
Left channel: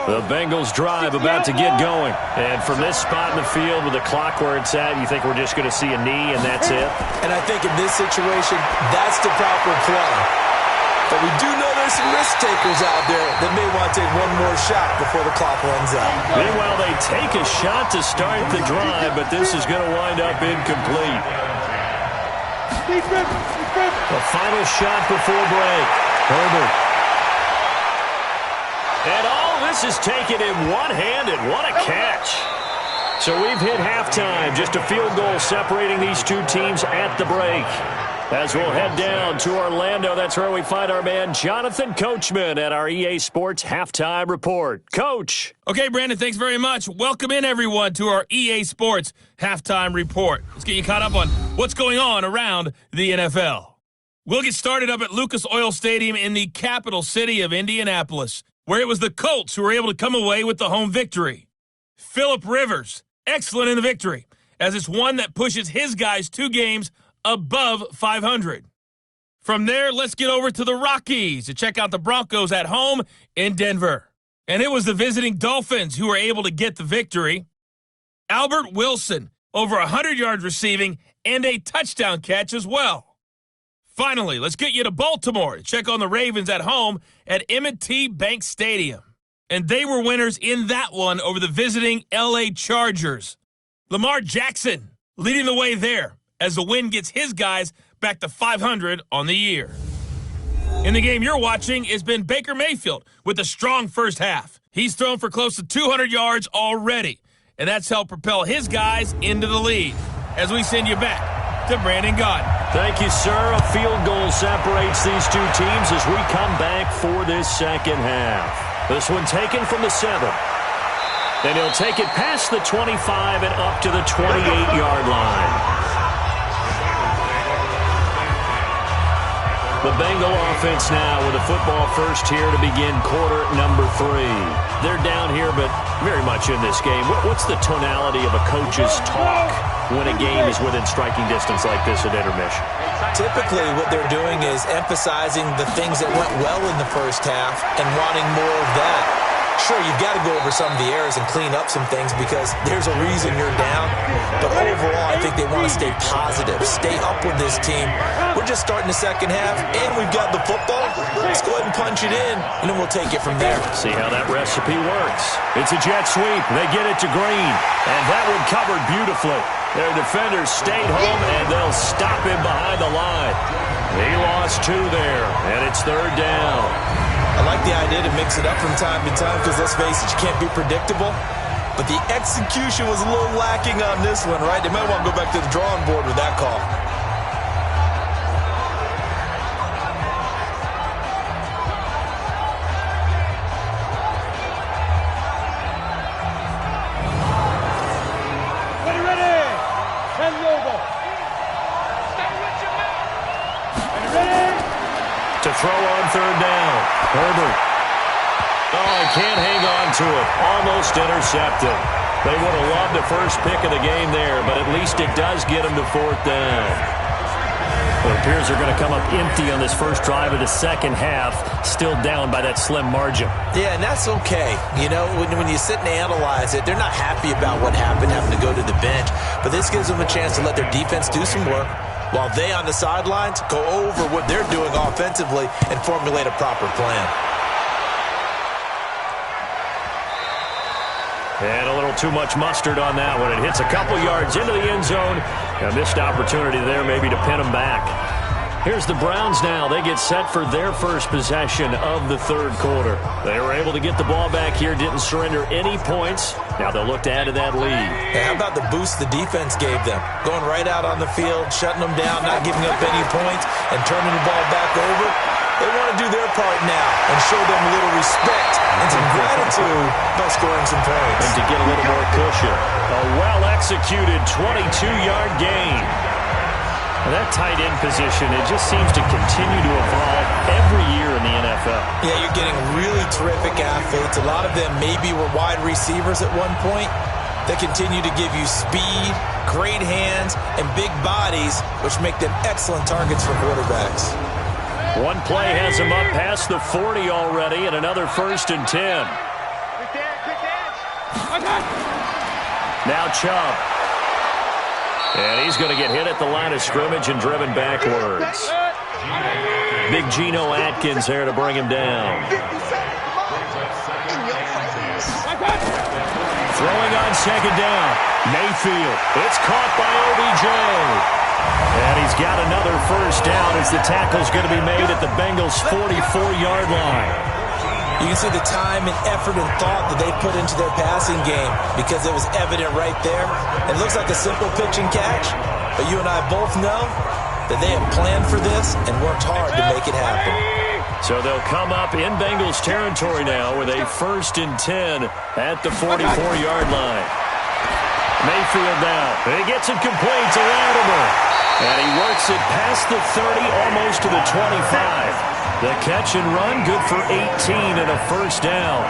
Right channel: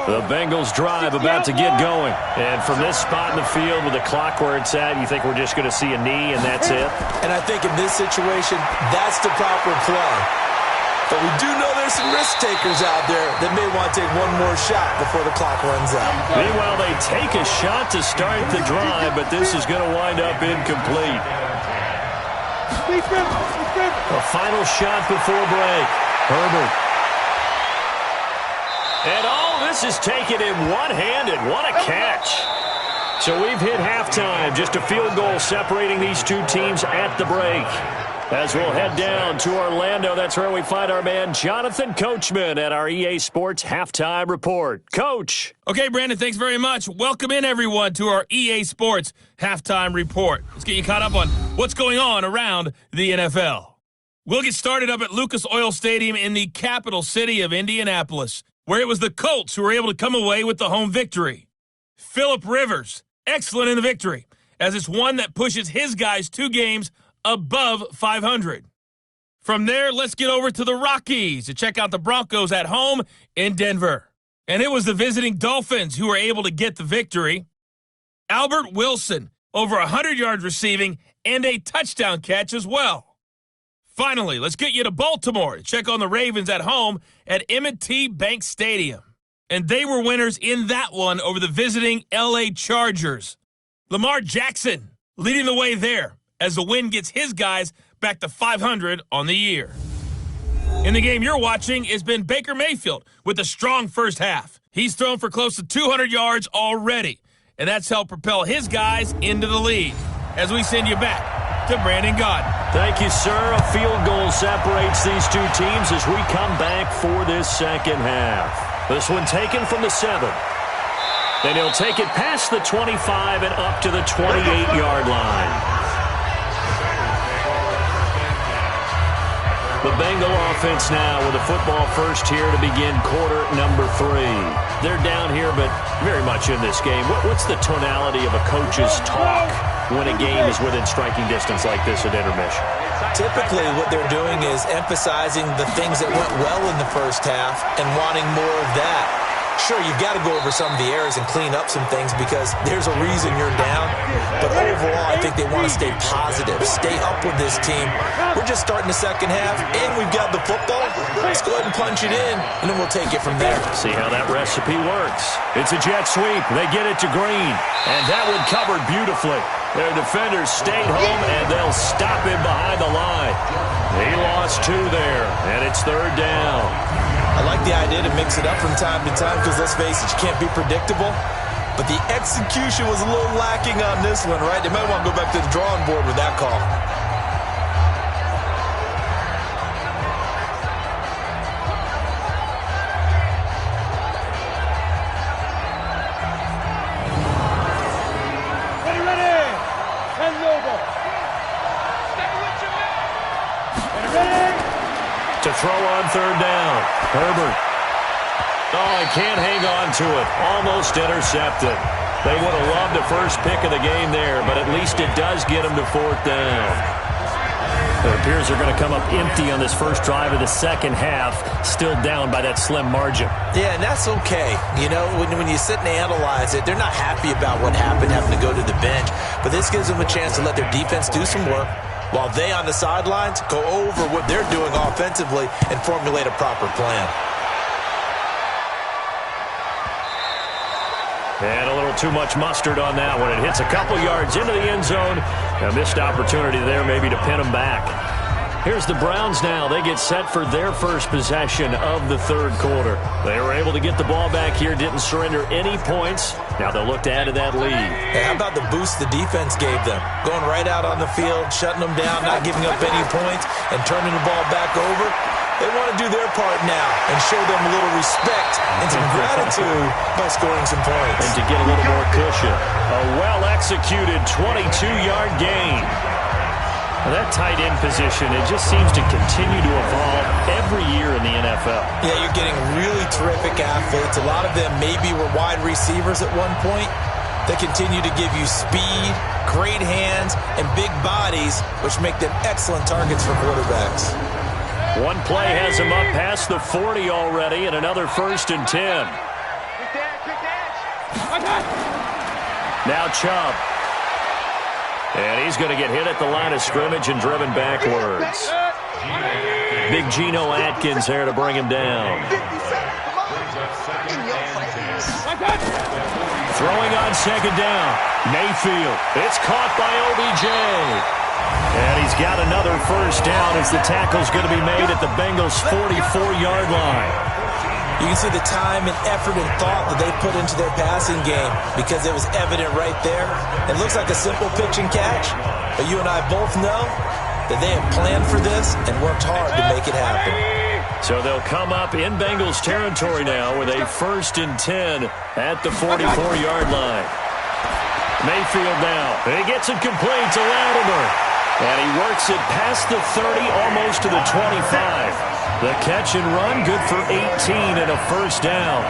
The Bengals drive about to get going. And from this spot in the field with the clock where it's at, you think we're just going to see a knee and that's it? And I think in this situation, that's the proper play. But we do know there's some risk takers out there that may want to take one more shot before the clock runs out. Meanwhile, they take a shot to start the drive, but this is going to wind up incomplete. A final shot before break. Herbert. And all this is taken in one-handed. What a catch. So we've hit halftime. Just a field goal separating these two teams at the break. As we'll head down to Orlando, that's where we find our man Jonathan Coachman at our EA Sports Halftime Report. Coach. Okay, Brandon, thanks very much. Welcome in, everyone, to our EA Sports Halftime Report. Let's get you caught up on what's going on around the NFL. We'll get started up at Lucas Oil Stadium in the capital city of Indianapolis, where it was the Colts who were able to come away with the home victory. Phillip Rivers, excellent in the victory, as it's one that pushes his guys 2 games above 500. From there, let's get over to the Rockies to check out the Broncos at home in Denver. And it was the visiting Dolphins who were able to get the victory. Albert Wilson, over 100 yards receiving and a touchdown catch as well. Finally, let's get you to Baltimore to check on the Ravens at home at M&T Bank Stadium. And they were winners in that one over the visiting L.A. Chargers. Lamar Jackson leading the way there as the win gets his guys back to 500 on the year. In the game you're watching has been Baker Mayfield with a strong first half. He's thrown for close to 200 yards already, and that's helped propel his guys into the lead. As we send you back to Brandon Gaudin. Thank you, sir. A field goal separates these two teams as we come back for this second half. This one taken from the 7. Then he'll take it past the 25 and up to the 28-yard line. The Bengal offense now with a football first here to begin quarter number 3. They're down here, but very much in this game. What's the tonality of a coach's talk when a game is within striking distance like this at intermission? Typically, what they're doing is emphasizing the things that went well in the first half and wanting more of that. Sure, you've got to go over some of the errors and clean up some things because there's a reason you're down. But overall, I think they want to stay positive, stay up with this team. We're just starting the second half, and we've got the football. Let's go ahead and punch it in, and then we'll take it from there. See how that recipe works. It's a jet sweep. They get it to Green, and that one covered beautifully. Their defenders stayed home, and they'll stop him behind the line. He lost 2 there, and it's 3rd down. I like the idea to mix it up from time to time because, let's face it, you can't be predictable. But the execution was a little lacking on this one, right? They might want to go back to the drawing board with that call. Ready. 10 Lobo. Stay with your man. Ready. To throw on 3rd down. Herbert. Oh, he can't hang on to it. Almost intercepted. They would have loved the first pick of the game there, but at least it does get them to 4th down. It appears they're going to come up empty on this first drive of the second half, still down by that slim margin. Yeah, and that's okay. You know, when you sit and analyze it, they're not happy about what happened, having to go to the bench, but this gives them a chance to let their defense do some work, while they on the sidelines go over what they're doing offensively and formulate a proper plan. And a little too much mustard on that one. It hits a couple yards into the end zone. A missed opportunity there maybe to pin them back. Here's the Browns now. They get set for their first possession of the third quarter. They were able to get the ball back here, didn't surrender any points. Now they'll look to add to that lead. Hey, how about the boost the defense gave them? Going right out on the field, shutting them down, not giving up any points, and turning the ball back over. They want to do their part now and show them a little respect and some gratitude by scoring some points. And to get a little more cushion. A well-executed 22-yard gain. That tight end position, it just seems to continue to evolve every year in the NFL. Yeah, you're getting really terrific athletes. A lot of them maybe were wide receivers at one point. They continue to give you speed, great hands, and big bodies, which make them excellent targets for quarterbacks. One play has him up past the 40 already, and another 1st and 10. Quick edge. Now Chubb. And he's going to get hit at the line of scrimmage and driven backwards. Big Geno Atkins there to bring him down. Throwing on second down. Mayfield. It's caught by OBJ. And he's got another 1st down as the tackle's going to be made at the Bengals' 44-yard line. You can see the time and effort and thought that they put into their passing game because it was evident right there. It looks like a simple pitch and catch, but you and I both know that they have planned for this and worked hard to make it happen. So they'll come up in Bengals territory now with a 1st and 10 at the 44-yard line. Mayfield now. He gets it complete to Latimer. And he works it past the 30, almost to the 25. The catch and run, good for 18 and a 1st down.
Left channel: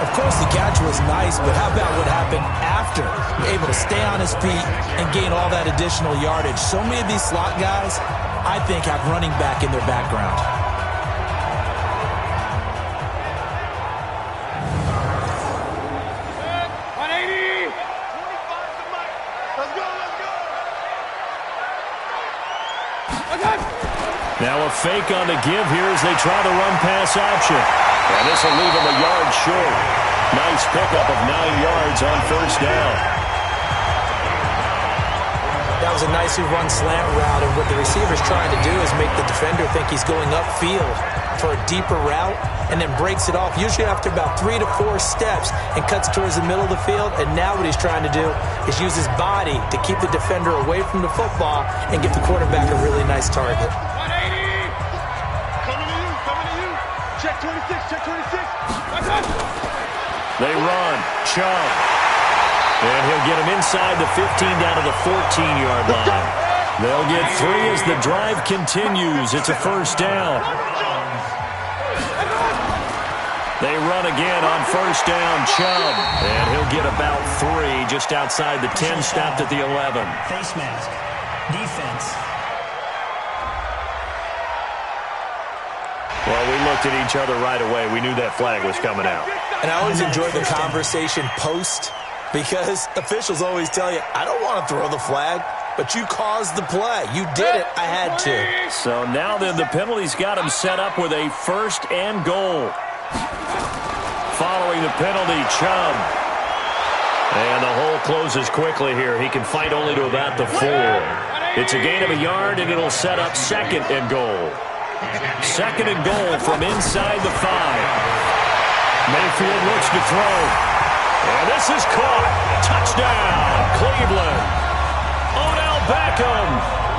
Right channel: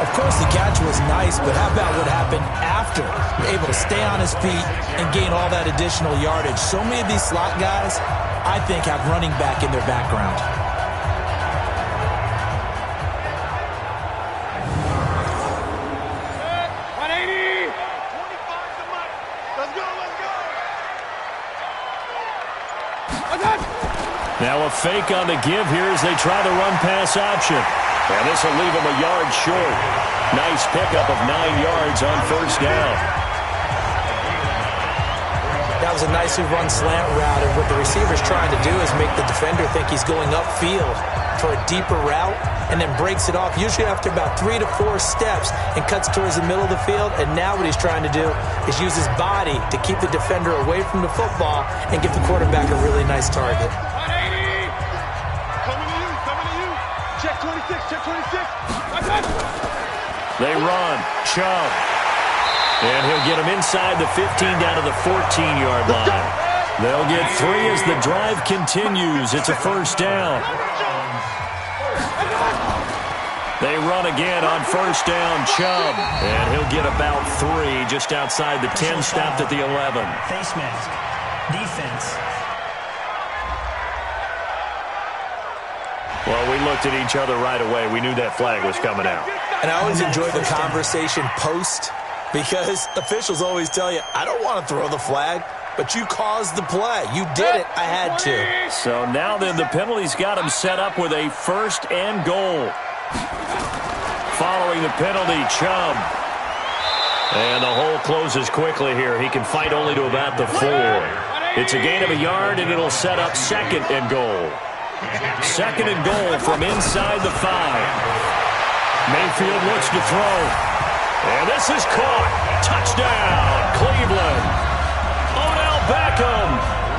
Of course, the catch was nice, but how about what happened after? Able to stay on his feet and gain all that additional yardage. So many of these slot guys, I think, have running back in their background. Now a fake on the give here as they try the run-pass option. And this will leave him a yard short. Nice pickup of 9 yards on 1st down. That was a nicely run slant route, and what the receiver's trying to do is make the defender think he's going upfield for a deeper route and then breaks it off, usually after about 3 to 4 steps, and cuts towards the middle of the field. And now what he's trying to do is use his body to keep the defender away from the football and give the quarterback a really nice target. 180. Coming to you. Check 26. They run. Chubb. And he'll get him inside the 15 down to the 14-yard line. They'll get 3 as the drive continues. It's a 1st down. They run again on 1st down, Chubb. And he'll get about 3 just outside the 10, stopped at the 11. Face mask. Defense. Well, we looked at each other right away. We knew that flag was coming out. And I always enjoy the conversation post, because officials always tell you, I don't want to throw the flag, but you caused the play. You did it. I had to. So now then the penalty's got him set up with a 1st and goal. Following the penalty, Chubb. And the hole closes quickly here. He can fight only to about the 4. It's a gain of a yard, and it'll set up 2nd and goal. 2nd and goal from inside the 5. Mayfield looks to throw. And this is caught. Touchdown, Cleveland. Odell Beckham,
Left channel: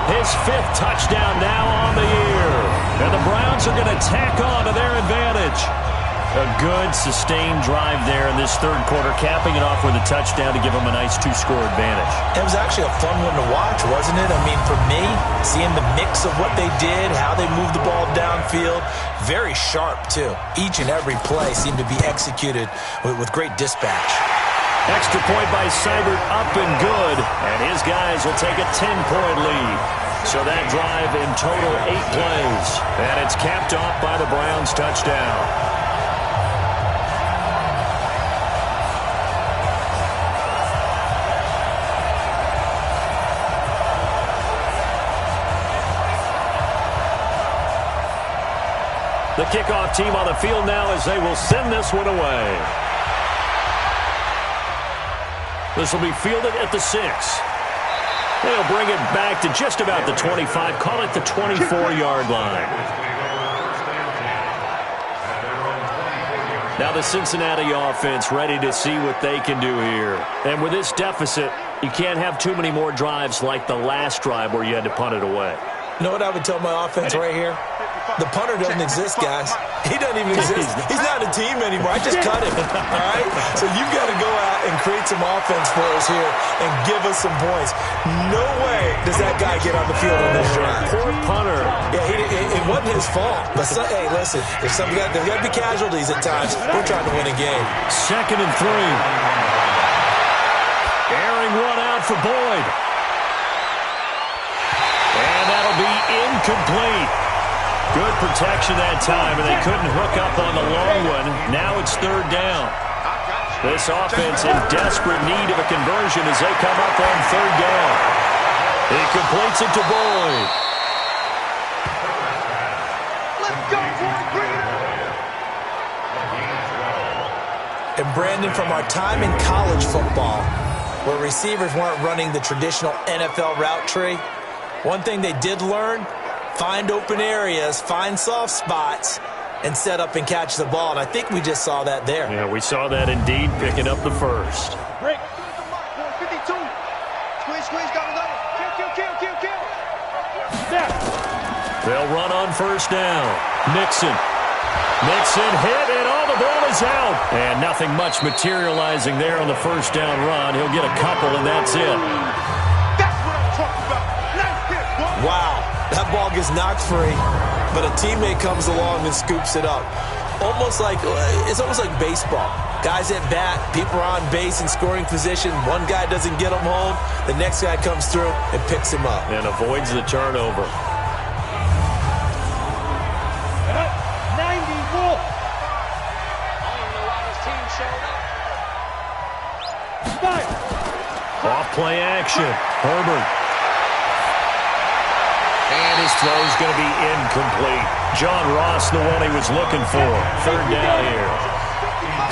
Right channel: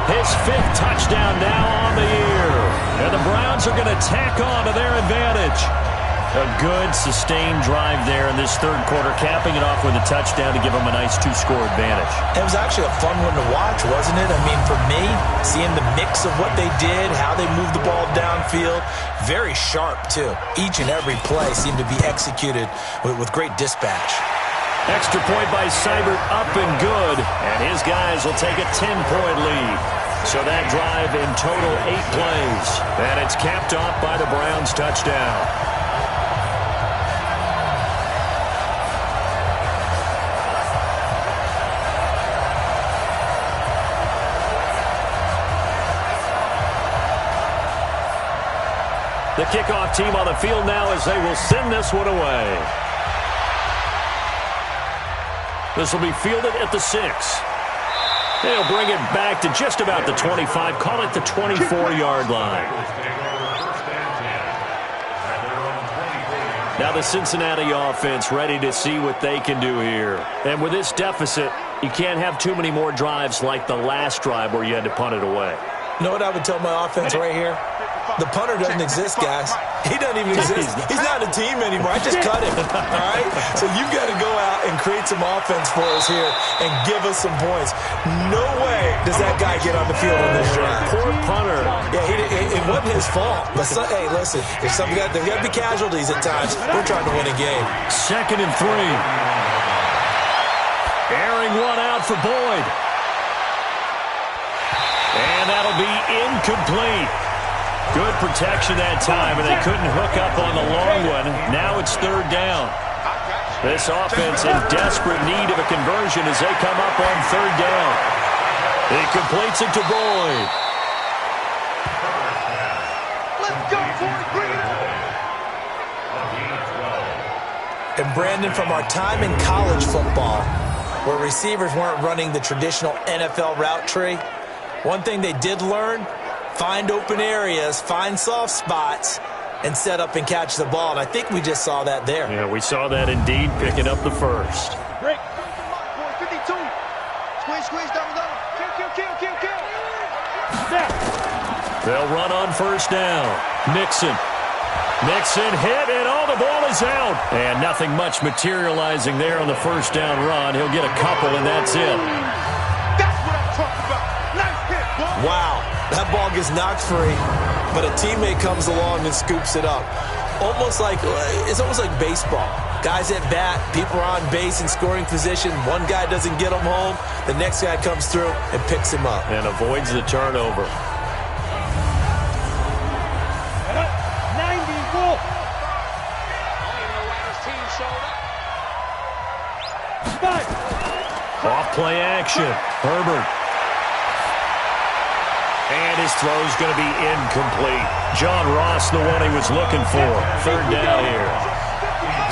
his 5th touchdown now on the year. And the Browns are going to tack on to their advantage. A good, sustained drive there in this third quarter, capping it off with a touchdown to give them a nice 2-score advantage. It was actually a fun one to watch, wasn't it? I mean, for me, seeing the mix of what they did, how they moved the ball downfield, very sharp, too. Each and every play seemed to be executed with great dispatch. Extra point by Seibert, up and good, and his guys will take a 10-point lead. So that drive in total 8 plays, and it's capped off by the Browns' touchdown. The kickoff team on the field now as they will send this one away. This will be fielded at the 6. And he'll bring it back to just about the 25. Call it the 24-yard line. Now the Cincinnati offense ready to see what they can do here. And with this deficit, you can't have too many more drives like the last drive where you had to punt it away. You know what I would tell my offense right here? The punter doesn't exist, guys. He doesn't even exist. He's not a team anymore. I just cut him, all right? So you've got to go out and create some offense for us here and give us some points. No way does that guy get on the field on this drive. Poor punter. Yeah, it wasn't his fault. But, hey, listen, there's got to be casualties at times. We're trying to win a game. 2nd and 3. Airing one out for Boyd. And that'll be incomplete. Good protection that time, and they couldn't hook up on the long one. Now it's 3rd down. This offense in desperate need of a conversion as they come up on 3rd down. He completes it to Boyd. Let's go, Boyd. Bring it up. And Brandon, from our time in college football, where receivers weren't running the traditional NFL route tree, one thing they did learn, find open areas, find soft spots, and set up and catch the ball. And I think we just saw that there. Yeah, we saw that indeed, picking up the first. Break. 52. Squeeze, double. Kill. Snap. They'll run on 1st down. Nixon hit, and the ball is out. And nothing much materializing there on the 1st down run. He'll get a couple, and that's it. That's what I'm talking about. Nice hit, boy. Wow, that ball gets knocked free, but a teammate comes along and scoops it up. It's almost like baseball. Guys at bat, people are on base in scoring position. One guy doesn't get him home. The next guy comes through and picks him up. And avoids the turnover. 90 Wolf. I don't even know why this team showed up. Five. Off play action. Herbert. And his throw's going to be incomplete. John Ross, the one he was looking for. 3rd down here.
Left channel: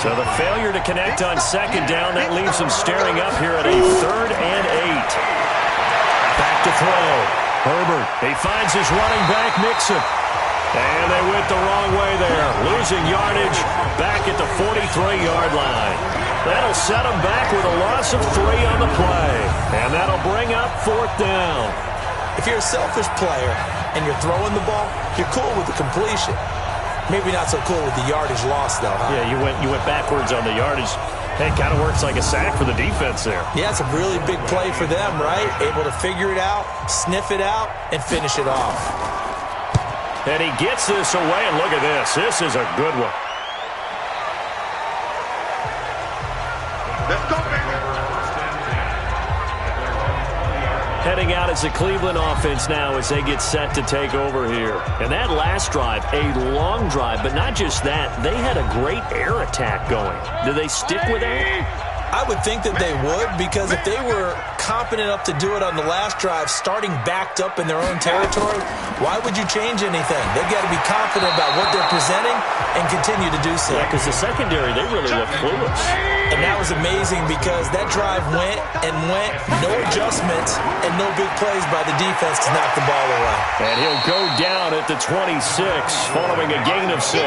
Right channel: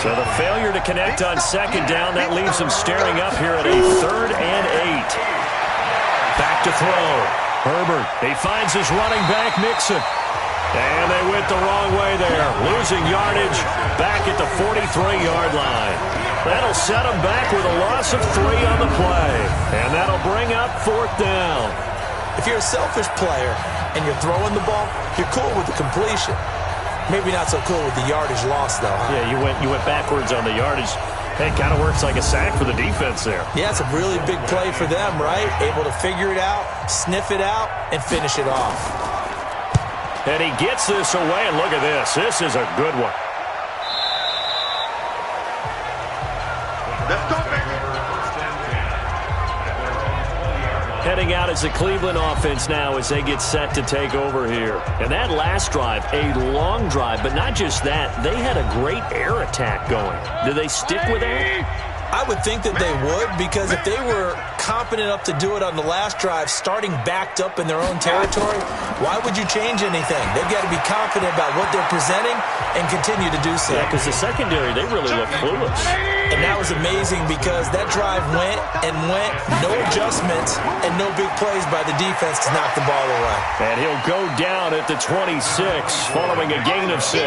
So the failure to connect on 2nd down, that leaves him staring up here at a 3rd and 8. Back to throw. Herbert, he finds his running back, Nixon. And they went the wrong way there. Losing yardage back at the 43-yard line. That'll set him back with a loss of 3 on the play. And that'll bring up 4th down. If you're a selfish player and you're throwing the ball, you're cool with the completion. Maybe not so cool with the yardage loss, though, huh? Yeah, you went backwards on the yardage. It kind of works like a sack for the defense there. Yeah, it's a really big play for them, right? Able to figure it out, sniff it out, and finish it off. And he gets this away, and look at this. This is a good one. Let's go, baby. Heading out as the Cleveland offense now as they get set to take over here. And that last drive, a long drive, but not just that. They had a great air attack going. Do they stick with that? I would think that they would, because if they were competent enough to do it on the last drive, starting backed up in their own territory, why would you change anything? They've got to be confident about what they're presenting and continue to do so. Yeah, because the secondary, they really look clueless. And that was amazing because that drive went, no adjustments, and no big plays by the defense to knock the ball away. And he'll go down at the 26 following a gain of 6.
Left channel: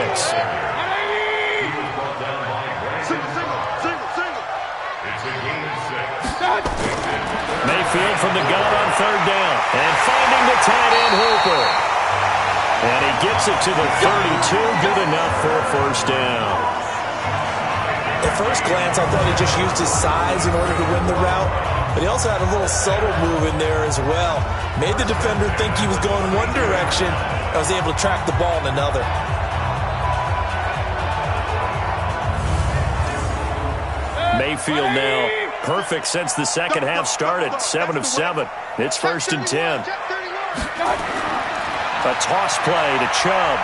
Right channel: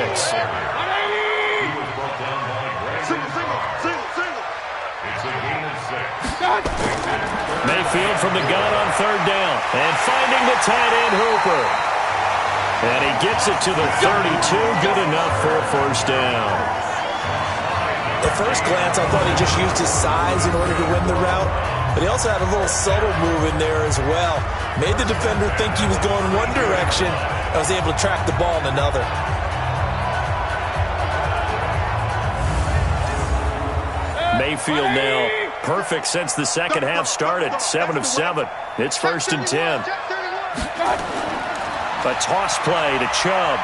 Mayfield from the gun on 3rd down. And finding the tight end Hooper. And he gets it to the 32. Good enough for a 1st down. At first glance, I thought he just used his size in order to win the route. But he also had a little subtle move in there as well. Made the defender think he was going one direction. I was able to track the ball in another. Mayfield now perfect since the second half started. 7 of 7. It's 1st and 10. A toss play to Chubb.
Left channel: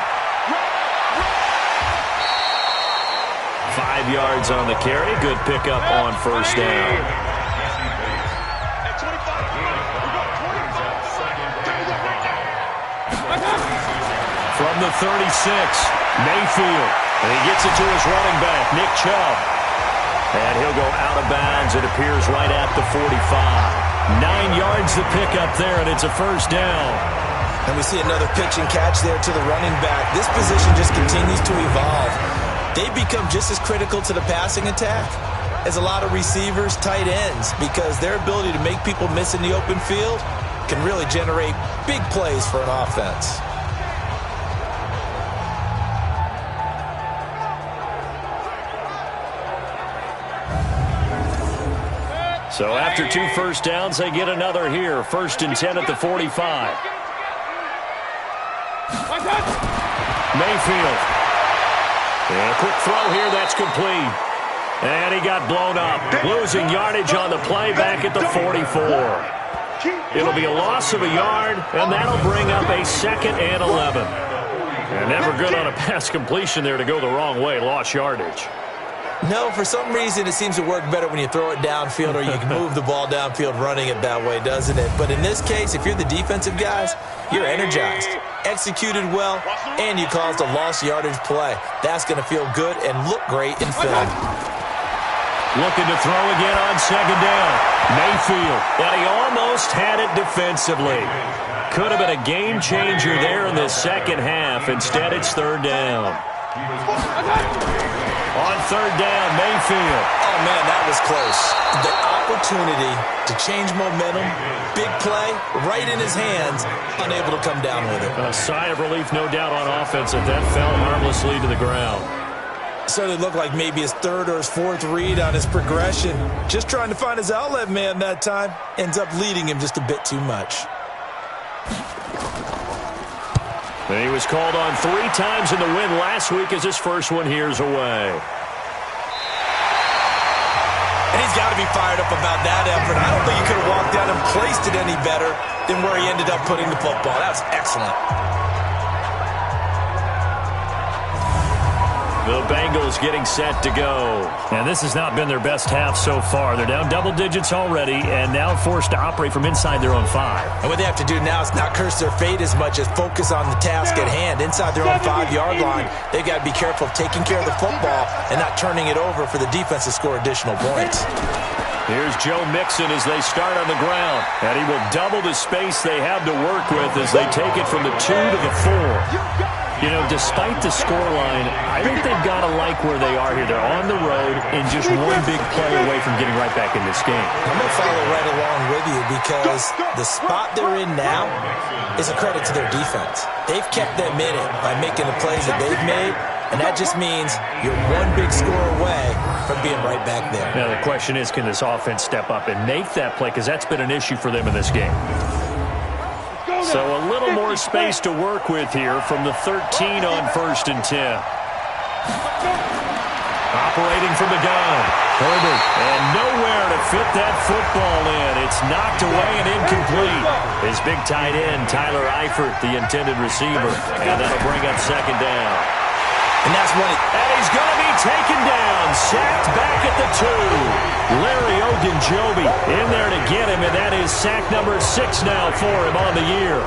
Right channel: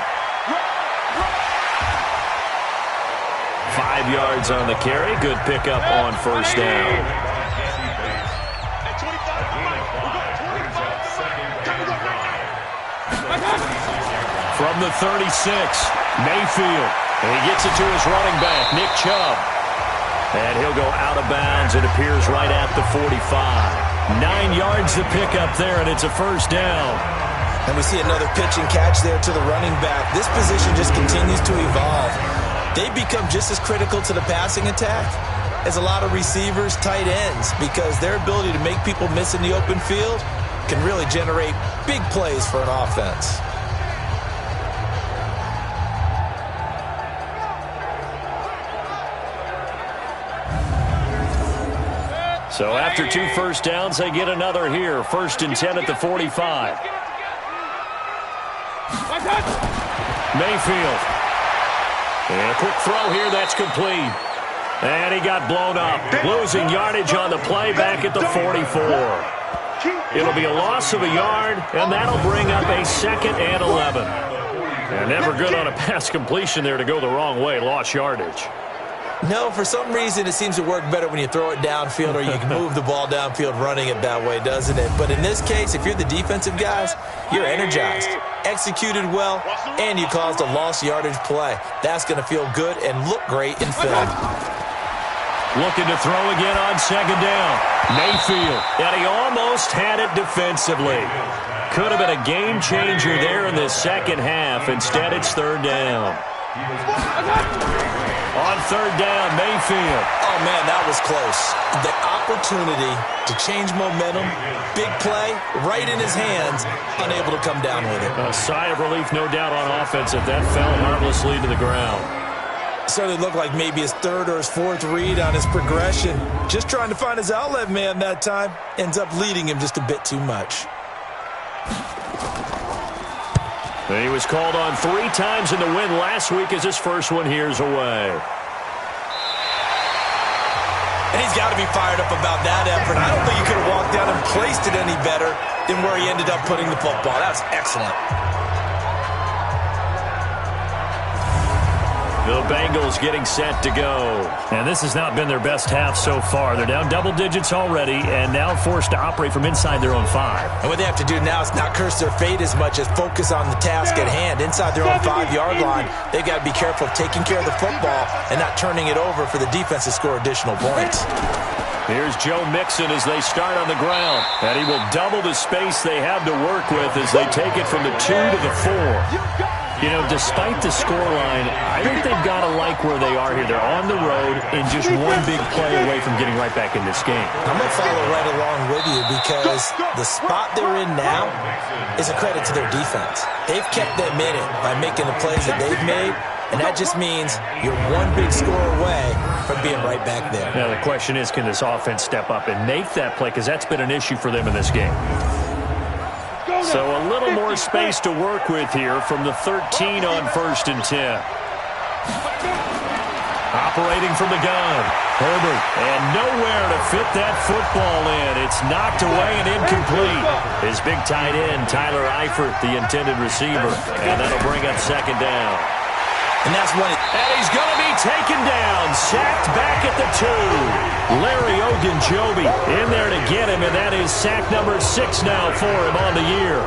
5 yards on the carry. Good pickup on 1st down. From the 36, Mayfield. And he gets it to his running back, Nick Chubb. And he'll go out of bounds, it appears, right at the 45. 9 yards to pick up there, and it's a first down. And we see another pitch and catch there to the running back. This position just continues to evolve. They become just as critical to the passing attack as a lot of receivers, tight ends, because their ability to make people miss in the open field can really generate big plays for an offense. So after 2 first downs, they get another here. 1st and 10 at the 45. Mayfield. And a quick throw here, that's complete. And he got blown up. Losing yardage on the play back at the 44. It'll be a loss of a yard, and that'll bring up a 2nd and 11. And never good on a pass completion there to go the wrong way. Lost yardage. No, for some reason it seems to work better when you throw it downfield or you can move the ball downfield running it that way, doesn't it? But in this case, if you're the defensive guys, you're energized, executed well, and you caused a lost yardage play. That's going to feel good and look great in film. Looking to throw again on 2nd down. Mayfield. And he almost had it defensively. Could have been a game changer there in this second half. Instead, it's 3rd down. On 3rd down, Mayfield. Oh, man, that was close. The opportunity to change momentum, big play, right in his hands, unable to come down with it. A sigh of relief, no doubt, on offense if that fell harmlessly to the ground. Certainly looked like maybe his 3rd or his 4th read on his progression. Just trying to find his outlet man that time. Ends up leading him just a bit too much. And he was called on 3 times in the win last week as his first one here's away. And he's got to be fired up about that effort. I don't think he could have walked down and placed it any better than where he ended up putting the football. That was excellent. The Bengals getting set to go. And this has not been their best half so far. They're down double digits already and now forced to operate from inside their own 5. And what they have to do now is not curse their fate as much as focus on the task at hand. Inside their own 5-yard line, they've got to be careful of taking care of the football and not turning it over for the defense to score additional points. Here's Joe Mixon as they start on the ground. And he will double the space they have to work with as they take it from the 2 to the 4. You know, despite the scoreline, I think they've got to like where they are here. They're on the road and just one big play away from getting right back in this game. I'm going to follow right along with you because the spot they're in now is a credit to their defense. They've kept them in it by making the plays that they've made, and that just means you're one big score away from being right back there. Now, the question is, can this offense step up and make that play? Because that's been an issue for them in this game. So a little more space to work with here from the 13 on 1st and 10. Operating from the gun. Herbert. And nowhere to fit that football in. It's knocked away and incomplete. His big tight end, Tyler Eifert, the intended receiver. And that'll bring up 2nd down. And that's when and he's going to be taken down. Sacked back at the 2. Larry Ogunjobi in there to get him, and that is sack number 6 now for him on the year.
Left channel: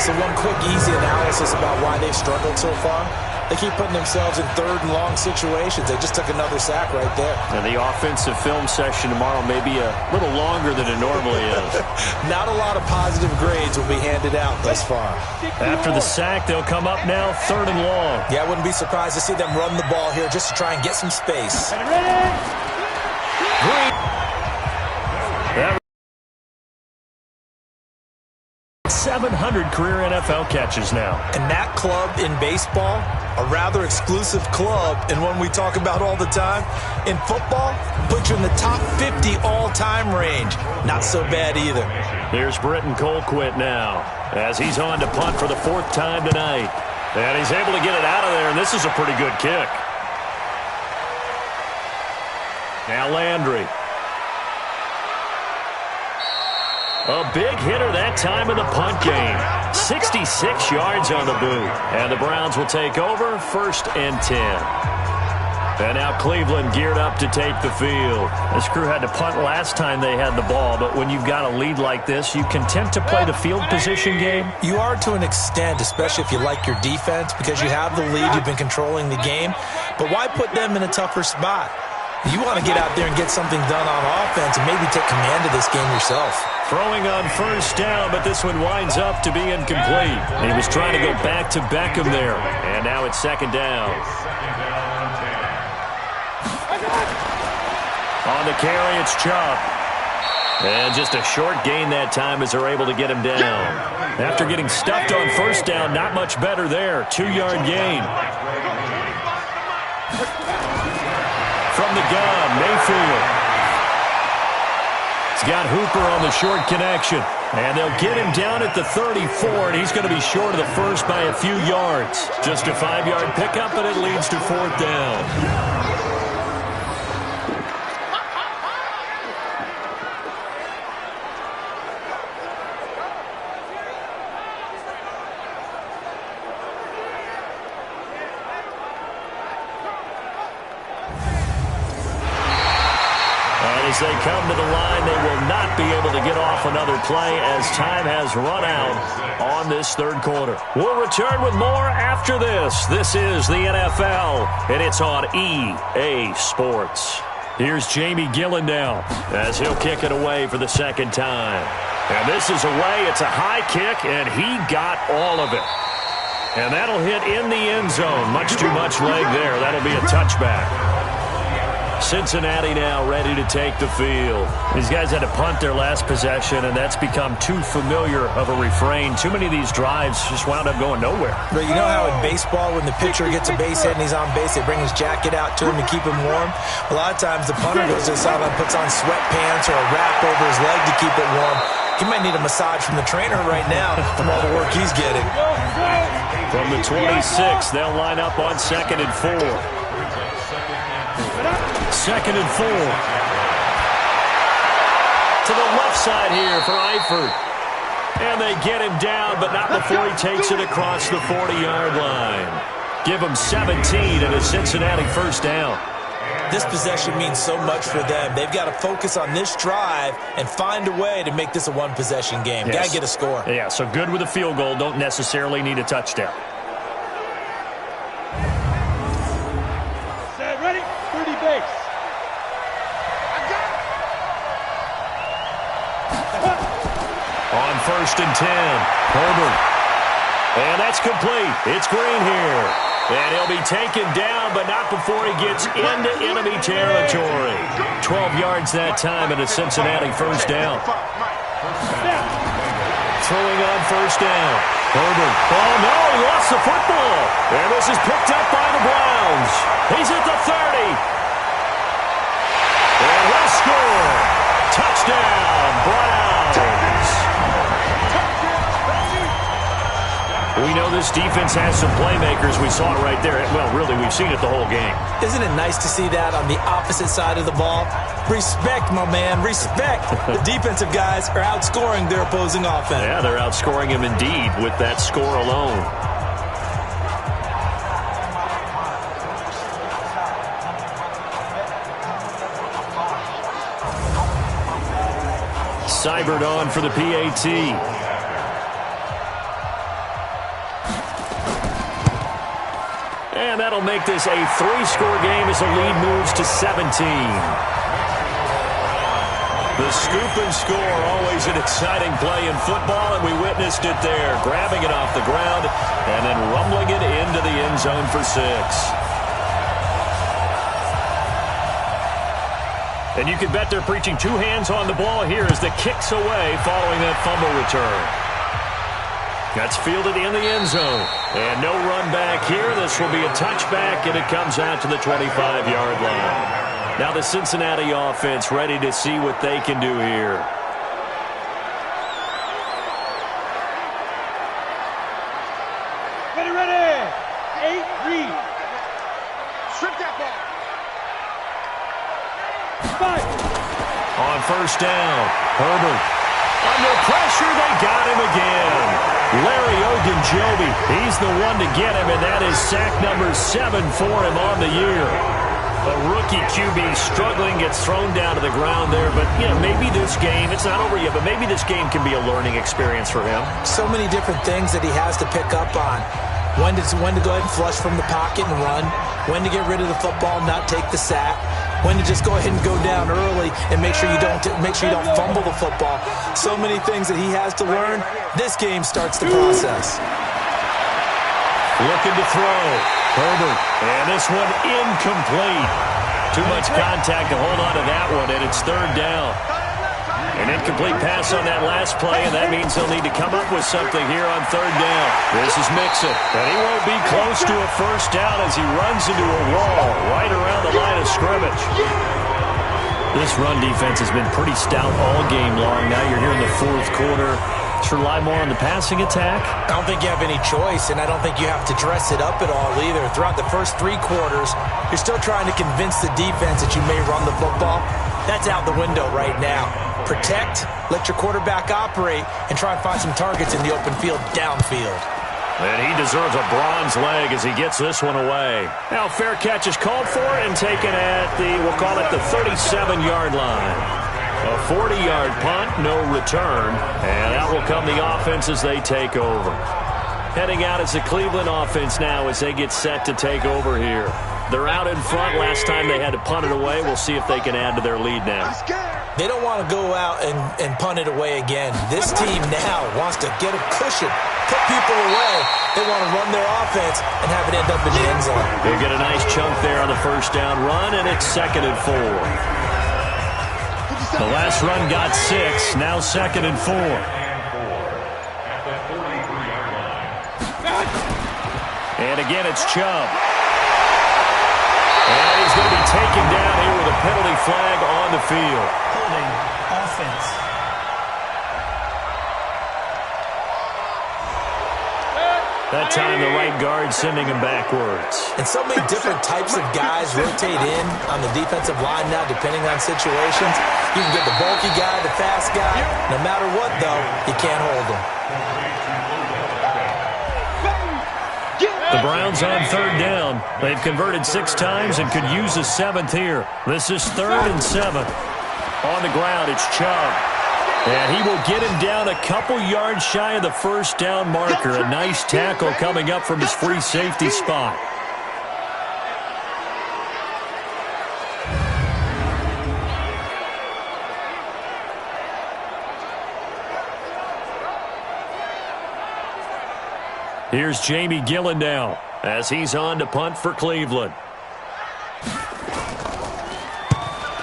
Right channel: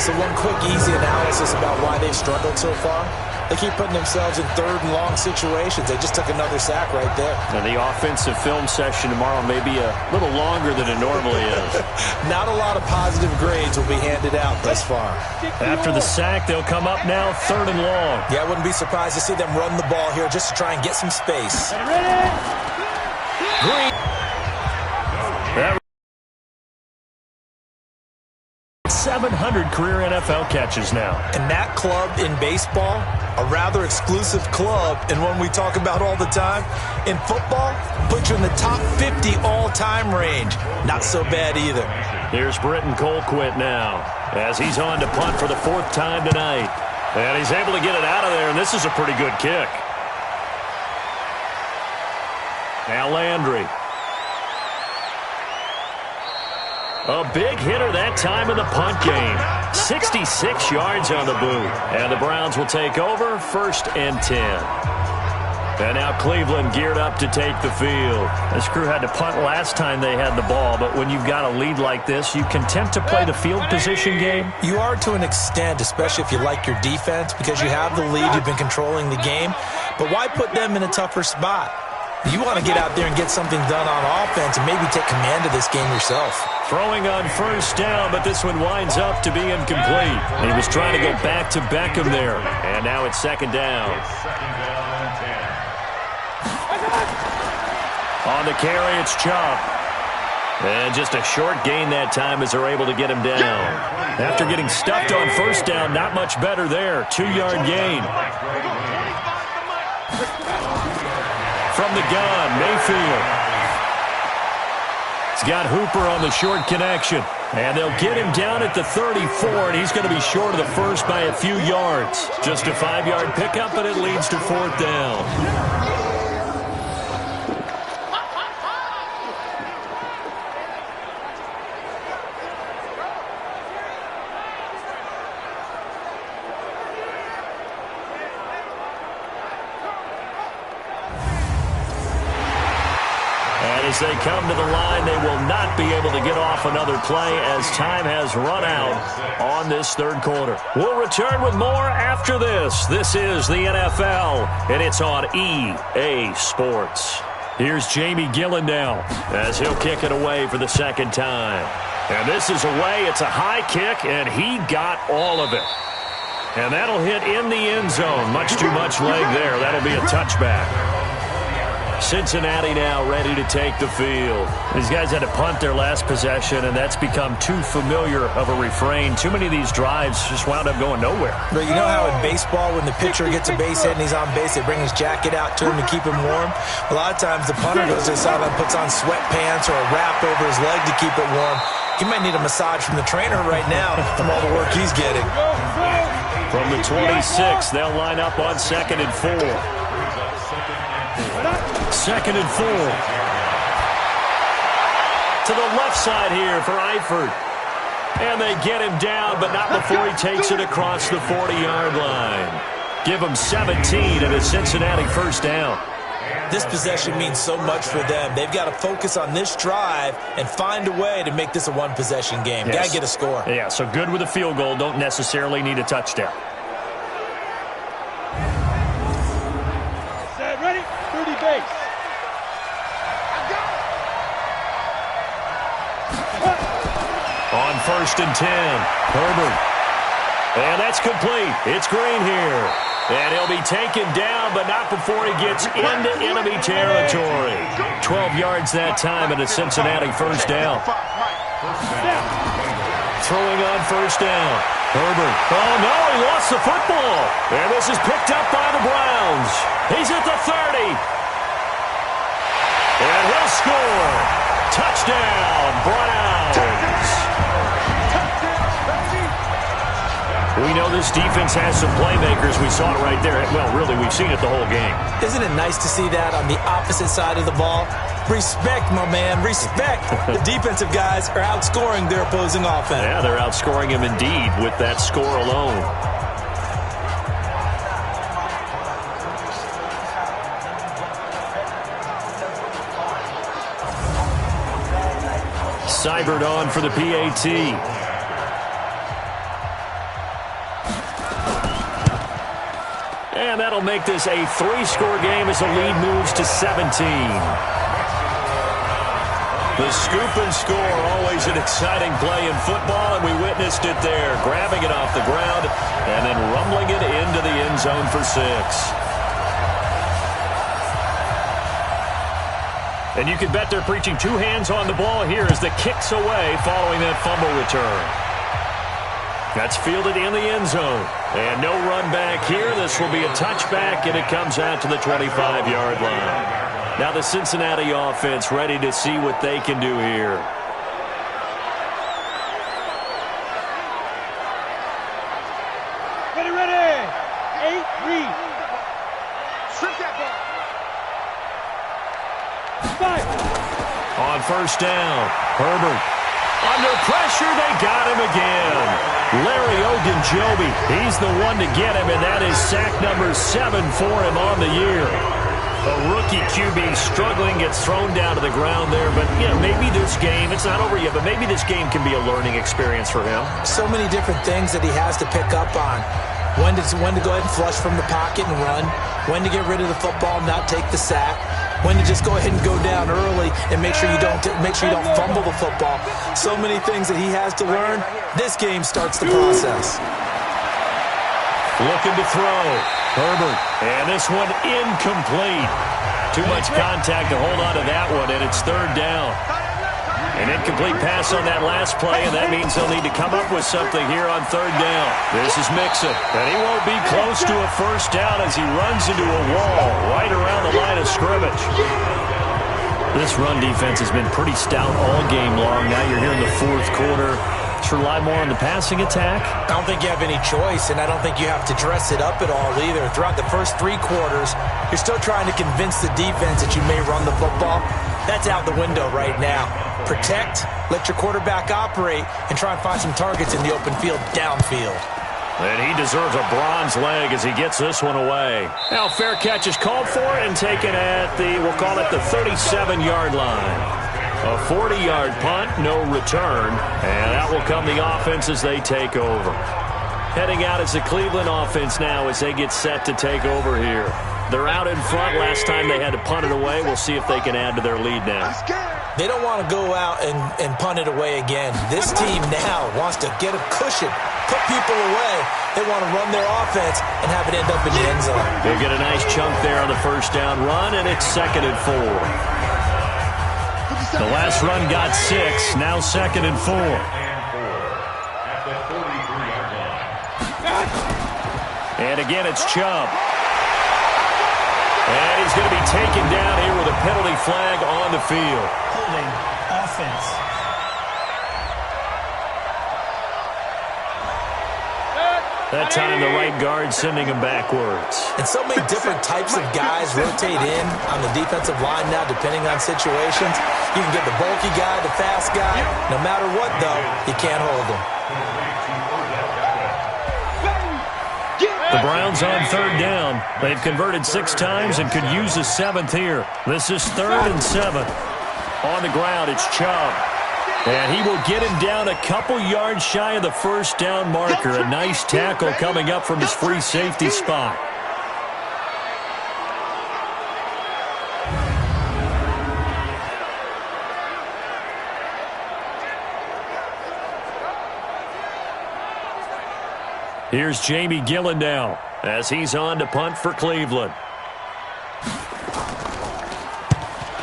So one quick, easy analysis about why they've struggled so far. They keep putting themselves in 3rd and long situations. They just took another sack right there. And the offensive film session tomorrow may be a little longer than it normally is. Not a lot of positive grades will be handed out thus far. After the sack, they'll come up now 3rd and long. Yeah, I wouldn't be surprised to see them run the ball here just to try and get some space. Green. That 700 career NFL catches now. And that club in baseball, a rather exclusive club and one we talk about all the time. In football, put you in the top 50 all-time range. Not so bad either. Here's Britton Colquitt now as he's on to punt for the 4th time tonight. And he's able to get it out of there, and this is a pretty good kick. Now Landry. A big hitter that time in the punt game. 66 yards on the boot. And the Browns will take over 1st and 10. And now Cleveland geared up to take the field. This crew had to punt last time they had the ball, but when you've got a lead like this, you can tempt to play the field position game. You are to an extent, especially if you like your defense, because you have the lead, you've been controlling the game. But why put them in a tougher spot? You want to get out there and get something done on offense and maybe take command of this game yourself. Throwing on first down, but this one winds up to be incomplete. He was trying to go back to Beckham there. And now it's second down. Second down and 10. On the carry, it's Chubb. And just a short gain that time as they're able to get him down. After getting stuffed on first down, not much better there. 2-yard gain. From the gun, Mayfield. He's got Hooper on the short connection. And they'll get him down at the 34, and he's going to be short of the first by a few yards. Just a 5-yard pickup, and it leads to fourth down. As they come to the line, they will not be able to get off another play as time has run out on this third quarter. We'll return with more after this. This is the NFL, and it's on EA Sports. Here's Jamie Gillen now as he'll kick it away for the second time. And this is away. It's a high kick, and he got all of it. And that'll hit in the end zone. Much too much leg there. That'll be a touchback. Cincinnati now ready to take the field. These guys had to punt their last possession, and that's become too familiar of a refrain. Too many of these drives just wound up going nowhere. But you know how in baseball, when the pitcher gets a base hit and he's on base, they bring his jacket out to him to keep him warm? A lot of times the punter goes to the sideline, puts on sweatpants or a wrap over his leg to keep it warm. He might need a massage from the trainer right now from all the work he's getting. From the 26, they'll line up on 2nd and 4. 2nd and 4. To the left side here for Eifert. And they get him down, but not before he takes it across the 40-yard line. Give him 17 and a Cincinnati first down. This possession means so much for them. They've got to focus on this drive and find a way to make this a one-possession game. Yes. Got to get a score. Yeah, so good with a field goal. Don't necessarily need a touchdown. Set, ready, 30 base. On 1st and 10, Herbert. And that's complete. It's Green here. And he'll be taken down, but not before he gets into enemy territory. 12 yards that time and a Cincinnati first down. Throwing on first down. Herbert. Oh, no, he lost the football. And this is picked up by the Browns. He's at the 30. And he'll score. Touchdown, Browns. We know this defense has some playmakers. We saw it right there. Well, really, we've seen it the whole game. Isn't it nice to see that on the opposite side of the ball? Respect, my man, respect. The defensive guys are outscoring their opposing offense. Yeah, they're outscoring him indeed with that score alone. Seibert on for the PAT. And that'll make this a 3-score game as the lead moves to 17. The scoop and score, always an exciting play in football, and we witnessed it there. Grabbing it off the ground and then rumbling it into the end zone for 6. And you can bet they're preaching 2 hands on the ball here as the kick's away following that fumble return. That's fielded in the end zone. And no run back here. This will be a touchback, and it comes out to the 25-yard line. Now the Cincinnati offense ready to see what they can do here. Ready, ready. 8, read. Strip that ball. 5. On first down, Herbert. Under pressure, they got him again. Larry Ogunjobi, he's the one to get him, and that is sack number 7 for him on the year. A rookie QB struggling, gets thrown down to the ground there, but you know, maybe this game, it's not over yet, but maybe this game can be a learning experience for him. So many different things that he has to pick up on. When to go ahead and flush from the pocket and run. When to get rid of the football and not take the sack. When to just go ahead and go down early and make sure you don't fumble the football. So many things that he has to learn. This game starts the process. Looking to throw. Herbert. And this one incomplete. Too much contact to hold on to that one, and it's third down. An incomplete pass on that last play, and that means they'll need to come up with something here on third down. This is Mixon, and he won't be close to a first down as he runs into a wall right around the line of scrimmage. This run defense has been pretty stout all game long. Now you're here in the fourth quarter. Should rely more on the passing attack? I don't think you have any choice, and I don't think you have to dress it up at all either. Throughout the first 3 quarters, you're still trying to convince the defense that you may run the football. That's out the window right now. Protect, let your quarterback operate, and try and find some targets in the open field downfield. And he deserves a bronze leg as he gets this one away. Now fair catch is called for and taken at we'll call it the 37-yard line. A 40-yard punt, no return, and out will come the offense as they take over. Heading out is the Cleveland offense now as they get set to take over here. They're out in front. Last time they had to punt it away. We'll see if they can add to their lead now. They don't want to go out and punt it away again. This team now wants to get a cushion, put people away. They want to run their offense and have it end up in the end zone. They'll get a nice chunk there on the first down run, and it's 2nd and 4. The last run got 6, now 2nd and 4. At the 43-yard line. And again, it's Chubb. And he's going to be taken down here with a penalty flag on the field. Holding offense. That time the right guard sending him backwards. And so many different types of guys rotate in on the defensive line now depending on situations. You can get the bulky guy, the fast guy. No matter what, though, you can't hold him. The Browns on third down. They've converted 6 times and could use a 7th here. This is 3rd and 7. On the ground, it's Chubb. And he will get him down a couple yards shy of the first down marker. A nice tackle coming up from his free safety spot. Here's Jamie Gillen now as he's on to punt for Cleveland.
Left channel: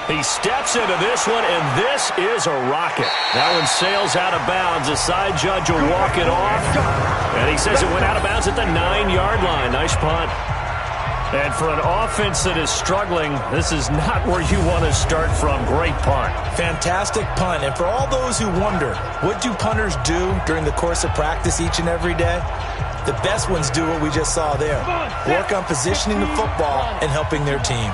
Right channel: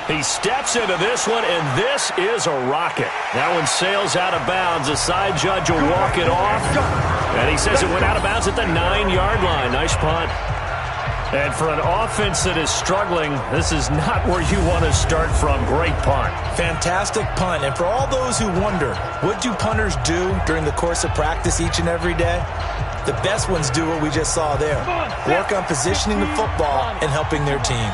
He steps into this one, and this is a rocket. That one sails out of bounds. The side judge will walk it off. And he says it went out of bounds at the 9-yard line. Nice punt. And for an offense that is struggling, this is not where you want to start from. Great punt. Fantastic punt. And for all those who wonder, what do punters do during the course of practice each and every day? The best ones do what we just saw there. Work on positioning the football and helping their team.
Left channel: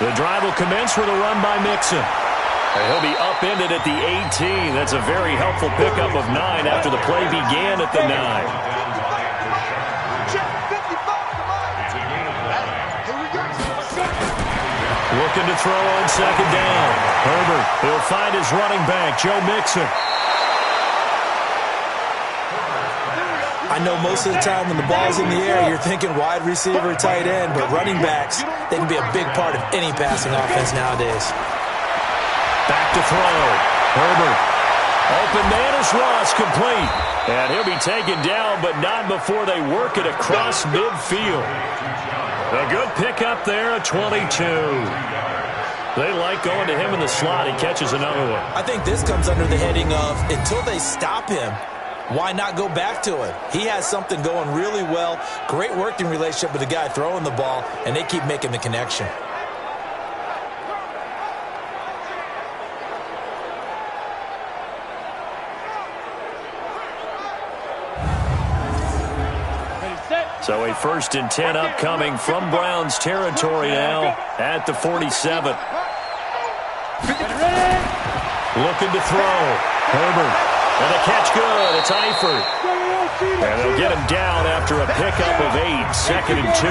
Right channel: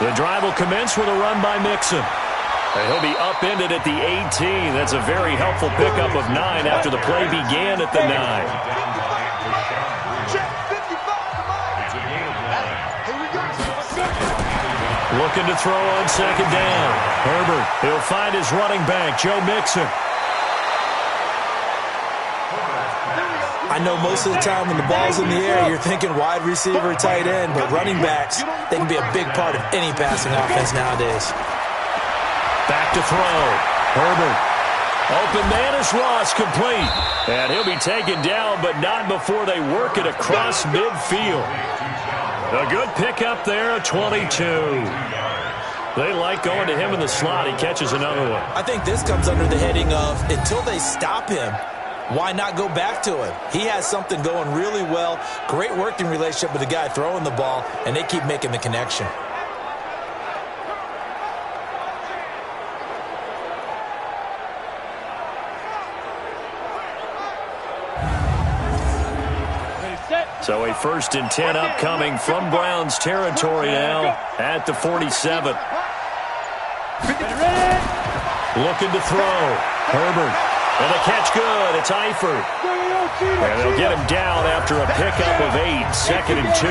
The drive will commence with a run by Mixon. And he'll be upended at the 18. That's a very helpful pickup of 9 after the play began at the 9. It's a gain of 9. Looking to throw on second down. Herbert, he'll find his running back, Joe Mixon. I know most of the time when the ball's in the air, you're thinking wide receiver, tight end, but running backs, they can be a big part of any passing offense nowadays. Back to throw. Herbert. Open man is Ross, complete. And he'll be taken down, but not before they work it across midfield. A good pickup there, a 22. They like going to him in the slot. He catches another one. I think this comes under the heading of until they stop him, why not go back to him? He has something going really well. Great working relationship with the guy throwing the ball, and they keep making the connection. So a 1st and 10 upcoming from Browns territory now at the 47. Looking to throw. Herbert. And the catch good. It's Eifert. And they'll get him down after a pickup of 8. 2nd and 2.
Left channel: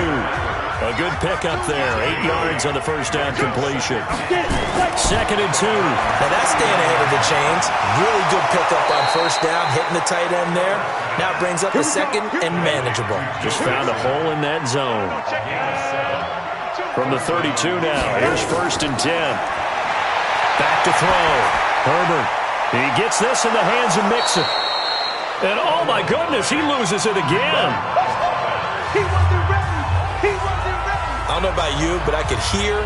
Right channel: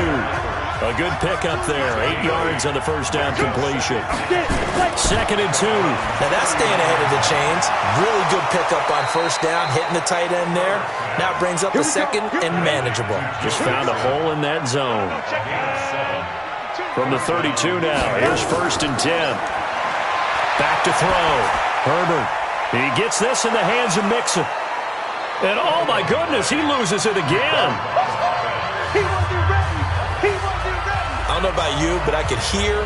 A good pickup there. 8 yards on the first down completion. 2nd and 2. Now that's staying ahead of the chains. Really good pickup on first down, hitting the tight end there. Now it brings up the 2nd and manageable. Just found a hole in that zone. From the 32 now, here's 1st and 10. Back to throw. Herbert. He gets this in the hands of Mixon. And oh my goodness, he loses it again. He wasn't ready. He wasn't ready. I don't know about you, but I could hear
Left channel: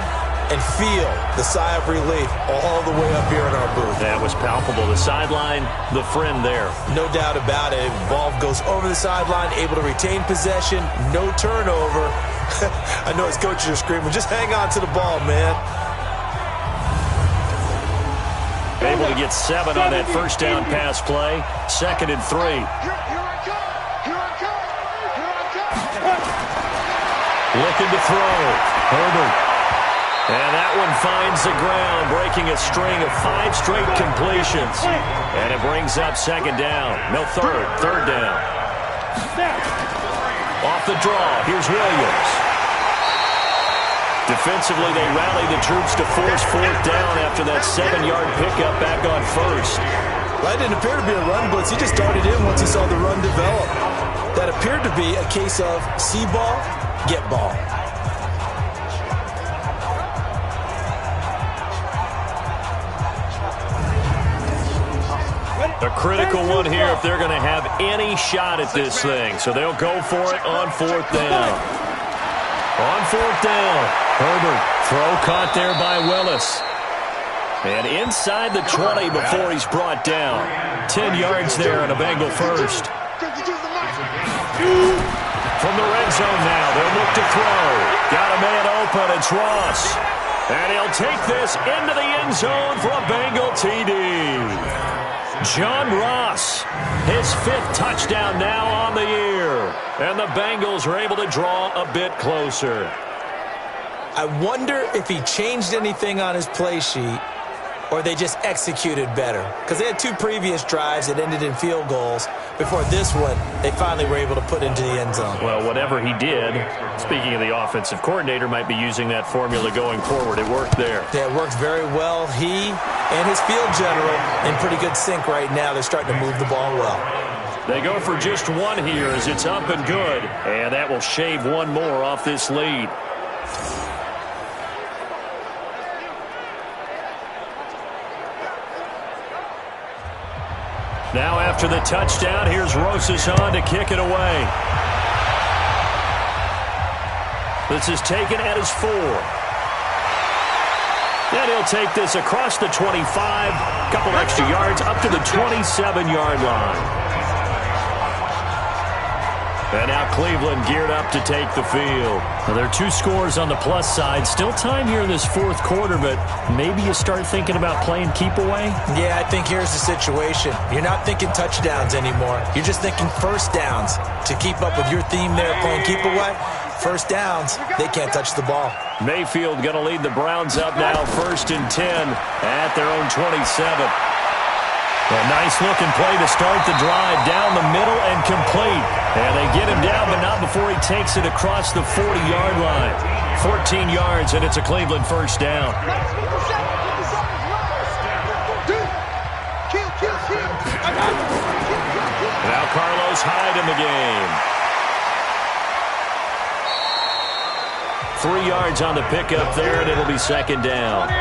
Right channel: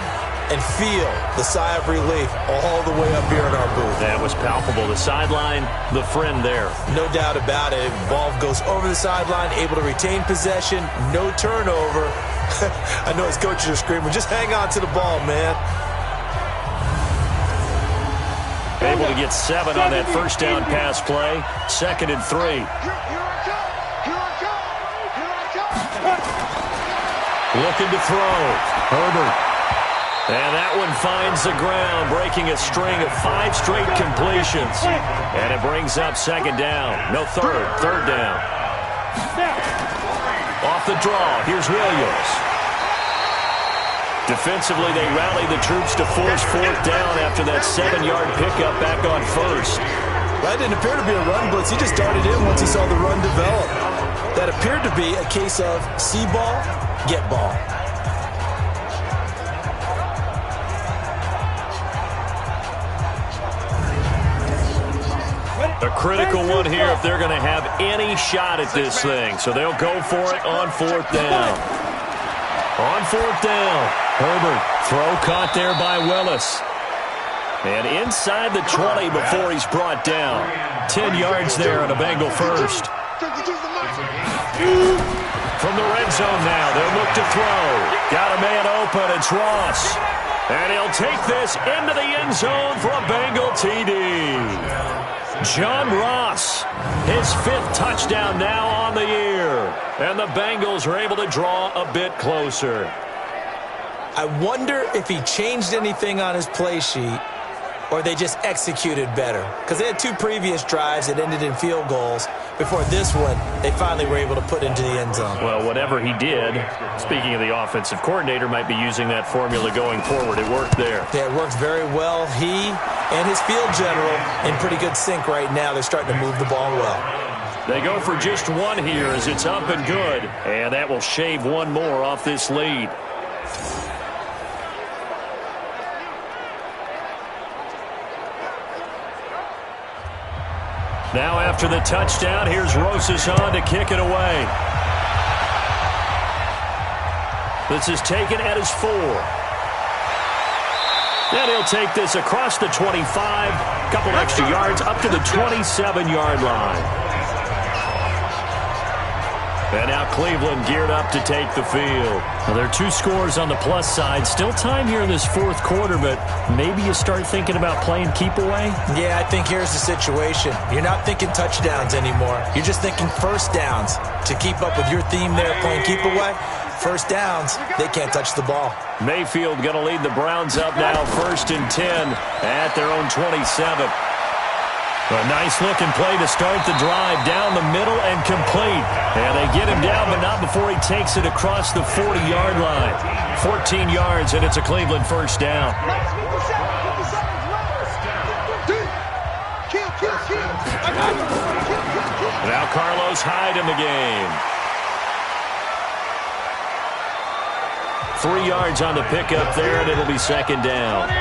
and feel the sigh of relief all the way up here in our booth. That was palpable. The sideline, the friend there. No doubt about it. Ball goes over the sideline, able to retain possession, no turnover. I know his coaches are screaming, just hang on to the ball, man. Able to get 7 on that first down pass play. 2nd and 3. Here I come. Here I come. Here I come. Looking to throw. Herbert. And that one finds the ground, breaking a string of 5 straight completions. And it brings up 2nd down. No, third down. Off the draw, here's Williams. Defensively, they rally the troops to force 4th down after that 7-yard pickup back on 1st. That didn't appear to be a run blitz. He just darted in once he saw the run develop. That appeared to be a case of see ball, get ball. A critical one here if they're going to have any shot at this thing. So they'll go for it on 4th down. On 4th down, Herbert. Throw caught there by Willis. And inside the 20 before he's brought down. 10 yards there on a Bengal first. From the red zone now, they'll look to throw. Got a man open, it's Ross. And he'll take this into the end zone for a Bengal TD. John Ross, his 5th touchdown now on the year. And the Bengals are able to draw a bit closer. I wonder if he changed anything on his play sheet or they just executed better. Because they had 2 previous drives that ended in field goals. Before this one, they finally were able to put into the end zone. Well, whatever he did, speaking of the offensive coordinator, might be using that formula going forward. It worked there. Yeah, it worked very well. He and his field general in pretty good sync right now. They're starting to move the ball well. They go for just 1 here as it's up and good. And that will shave 1 more off this lead. Now after the touchdown, here's Rosas on to kick it away. This is taken at his 4. And he'll take this across the 25, couple extra yards up to the 27-yard line. And now Cleveland geared up to take the field. Now there are 2 scores on the plus side. Still time here in this 4th quarter, but maybe you start thinking about playing keep away? Yeah, I think here's the situation. You're not thinking touchdowns anymore. You're just thinking first downs. To keep up with your theme there, playing keep away, first downs, they can't touch the ball. Mayfield going to lead the Browns up now, 1st and 10 at their own 27. A nice-looking play to start the drive down the middle and complete. And they get him down, but not before he takes it across the 40-yard line. 14 yards, and it's a Cleveland first down. Now Carlos Hyde in the game. 3 yards on the pickup there, and it'll be 2nd down.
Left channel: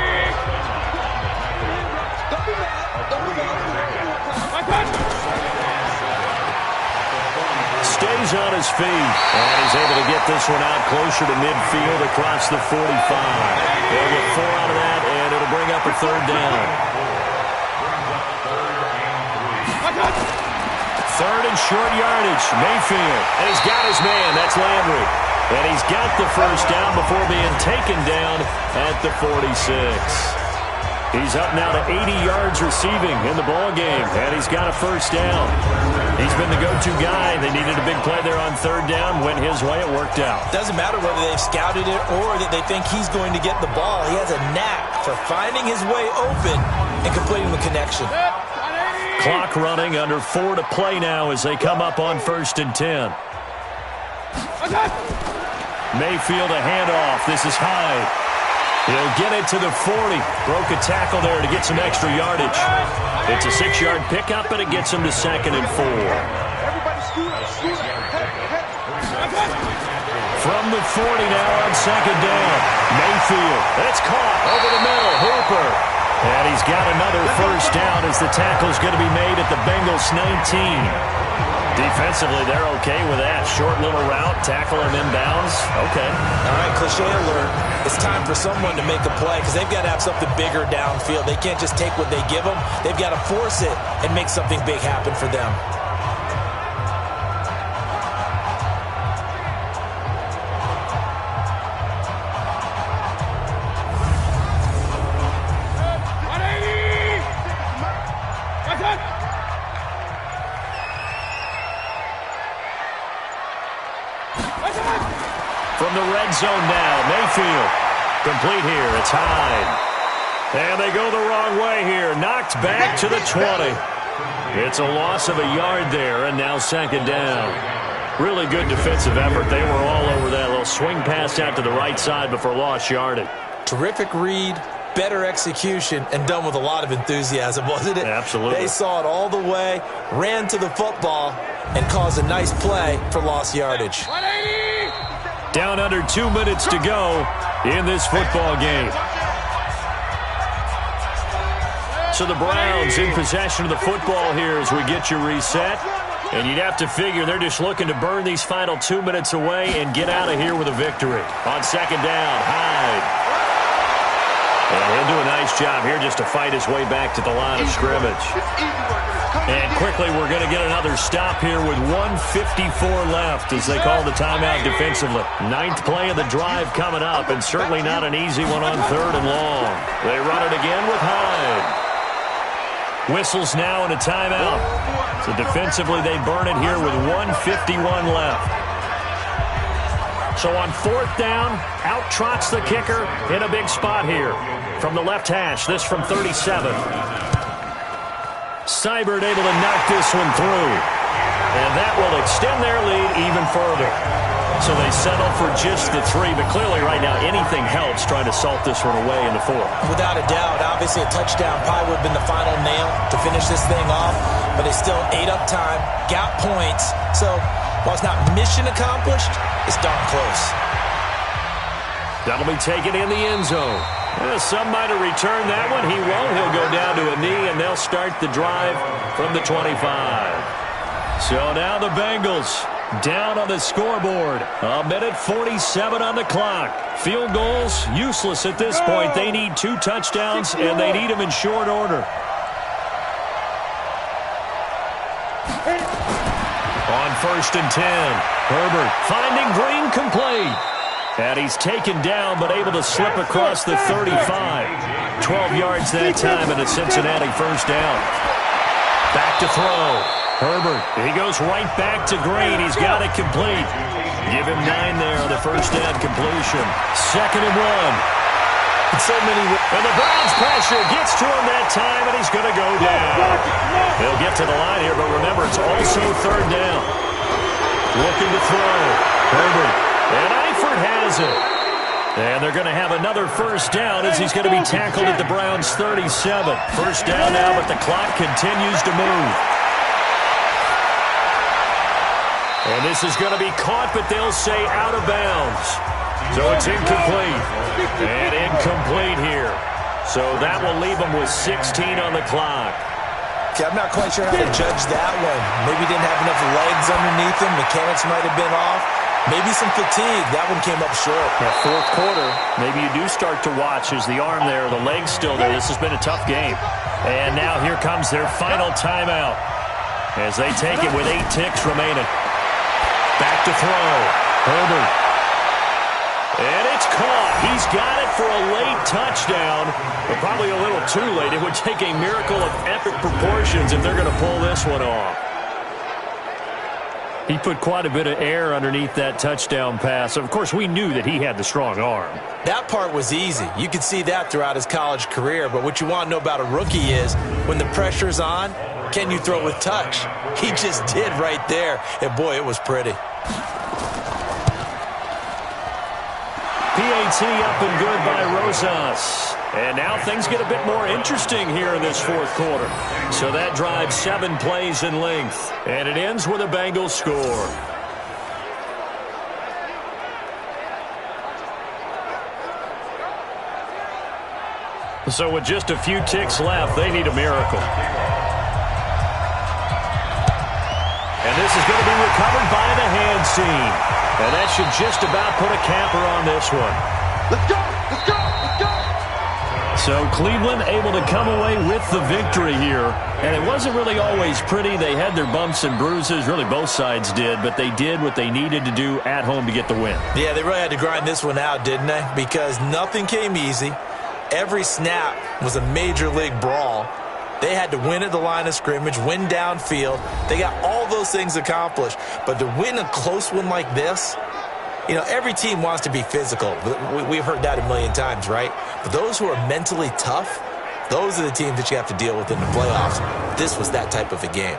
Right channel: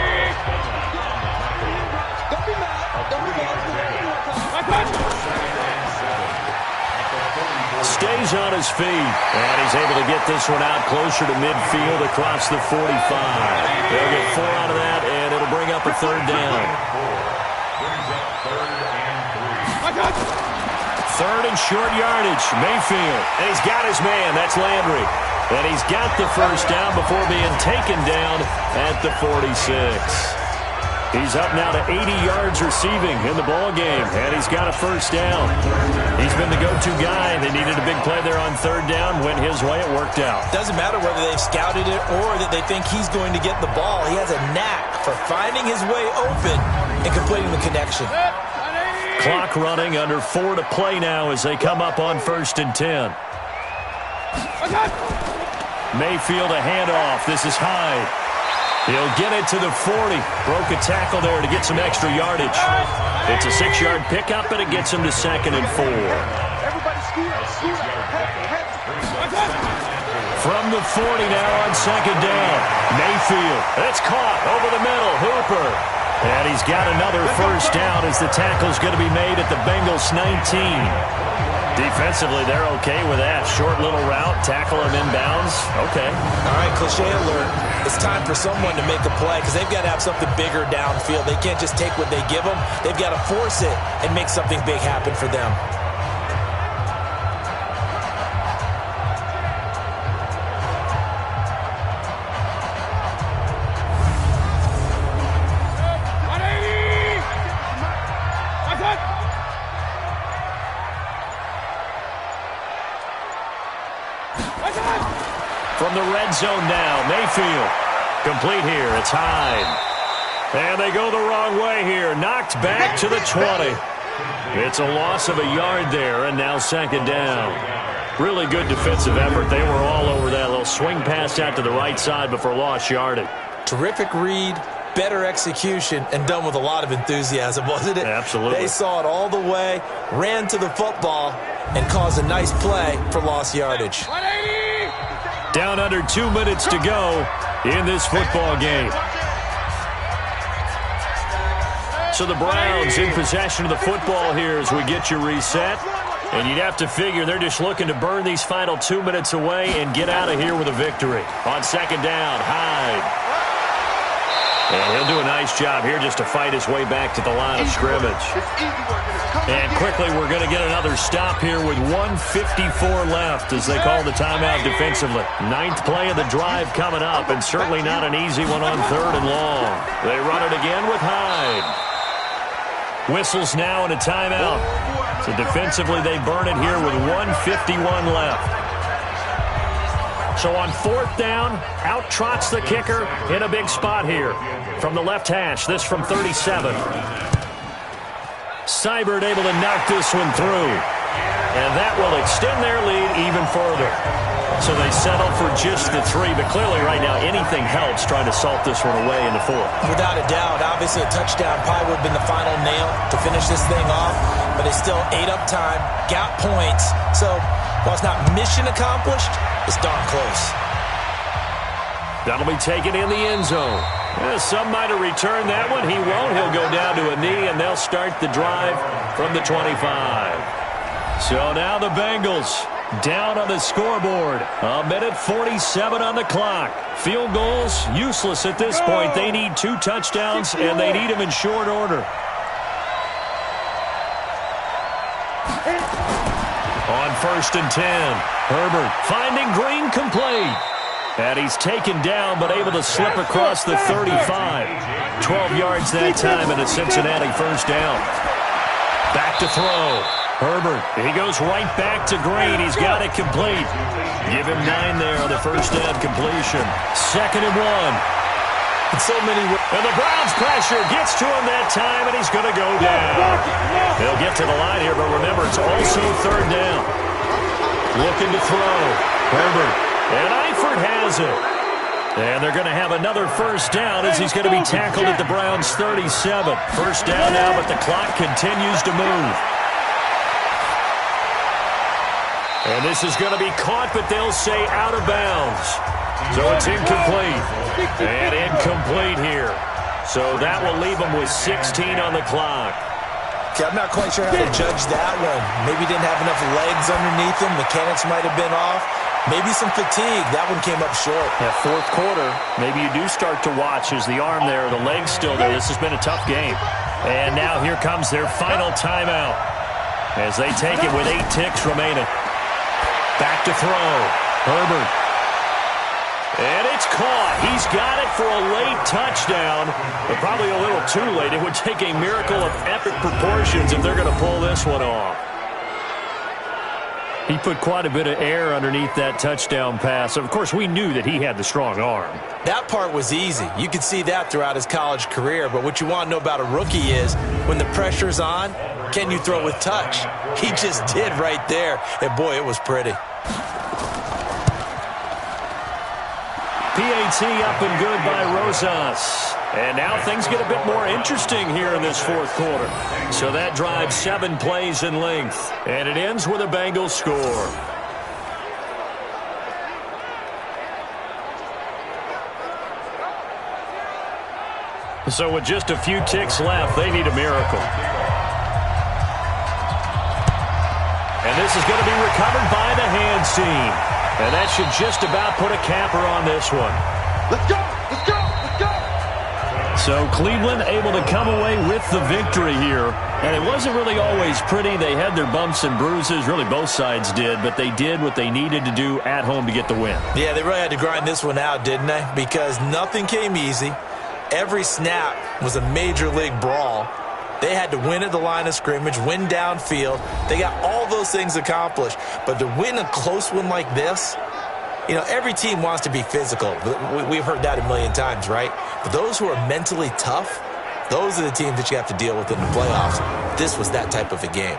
Stays on his feet, and he's able to get this one out closer to midfield across the 45. They'll get 4 out of that, and it'll bring up a 3rd down. 3rd and short yardage, Mayfield, and he's got his man, that's Landry. And he's got the first down before being taken down at the 46. He's up now to 80 yards receiving in the ball game, and he's got a first down. He's been the go-to guy. They needed a big play there on 3rd down. Went his way. It worked out. Doesn't matter whether they've scouted it or that they think he's going to get the ball. He has a knack for finding his way open and completing the connection. Clock running, under 4 to play now as they come up on 1st and 10. Mayfield a handoff. This is Hyde. He'll get it to the 40. Broke a tackle there to get some extra yardage. It's a 6-yard pickup, and it gets him to 2nd and 4. Everybody scoot up. From the 40 now on 2nd down. Mayfield. It's caught over the middle. Hooper. And he's got another first down as the tackle's going to be made at the Bengals 19. Defensively, they're okay with that. Short little route, tackle him inbounds. Okay. All right, cliche alert. It's time for someone to make a play because they've got to have something bigger downfield. They can't just take what they give them. They've got to force it and make something big happen for them. From the red zone now, Mayfield. Complete here, it's Hyde. And they go the wrong way here. Knocked back to the 20. It's a loss of a yard there, and now 2nd down. Really good defensive effort. They were all over that little swing pass out to the right side before lost yardage. Terrific read, better execution, and done with a lot of enthusiasm, wasn't it? Absolutely. They saw it all the way, ran to the football, and caused a nice play for lost yardage. Down under 2 minutes to go in this football game. So the Browns in possession of the football here as we get you reset. And you'd have to figure they're just looking to burn these final 2 minutes away and get out of here with a victory. On 2nd down, Hyde. And he'll do a nice job here just to fight his way back to the line of scrimmage. And quickly, we're going to get another stop here with 1:54 left as they call the timeout defensively. 9th play of the drive coming up, and certainly not an easy one on 3rd and long. They run it again with Hyde. Whistles now and a timeout. So defensively, they burn it here with 1:51 left. So on 4th down, out trots the kicker in a big spot here. From the left hash, this from 37. Seibert able to knock this one through. And that will extend their lead even further. So they settle for just the 3, but clearly right now anything helps trying to salt this one away in the 4th. Without a doubt, obviously a touchdown probably would have been the final nail to finish this thing off, but they still ate up time, got points. So while it's not mission accomplished, it's darn close. That'll be taken in the end zone. Some might have returned that one. He won't. He'll go down to a knee, and they'll start the drive from the 25. So now the Bengals down on the scoreboard. 1:47 on the clock. Field goals useless at this point. They need 2 touchdowns, and they need them in short order. On 1st and 10, Herbert finding Green complete. And he's taken down but able to slip across the 35. 12 yards that time and a Cincinnati first down. Back to throw. Herbert, he goes right back to Green. He's got it complete. Give him 9 there on the first down completion. 2nd and 1. And the Browns pressure gets to him that time, and he's going to go down. They'll get to the line here, but remember, it's also 3rd down. Looking to throw. Herbert. And Eifert has it. And they're going to have another first down as he's going to be tackled at the Browns' 37. First down now, but the clock continues to move. And this is going to be caught, but they'll say out of bounds. So it's incomplete. And incomplete here. So that will leave them with 16 on the clock. Okay, I'm not quite sure how to judge that one. Maybe didn't have enough legs underneath him. Mechanics might have been off. Maybe some fatigue. That one came up short. That 4th quarter, maybe you do start to watch as the arm there, the leg's still there. This has been a tough game. And now here comes their final timeout as they take it with 8 ticks remaining. Back to throw. Herbert. And it's caught. He's got it for a late touchdown, but probably a little too late. It would take a miracle of epic proportions if they're going to pull this one off. He put quite a bit of air underneath that touchdown pass. Of course, we knew that he had the strong arm. That part was easy. You could see that throughout his college career. But what you want to know about a rookie is when the pressure's on, can you throw with touch? He just did right there. And, boy, it was pretty. PAT up and good by Rosas. And now things get a bit more interesting here in this fourth quarter. So that drives 7 plays in length. And it ends with a Bengals score. So with just a few ticks left, they need a miracle. And this is going to be recovered by the hands team. And that should just about put a capper on this one. Let's go! Let's go! Let's go! So Cleveland able to come away with the victory here. And it wasn't really always pretty. They had their bumps and bruises. Really, both sides did. But they did what they needed to do at home to get the win. Yeah, they really had to grind this one out, didn't they? Because nothing came easy. Every snap was a major league brawl. They had to win at the line of scrimmage, win downfield. They got all those things accomplished. But to win a close one like this, you know, every team wants to be physical. We've heard that a million times, right? But those who are mentally tough, those are the teams that you have to deal with in the playoffs. This was that type of a game.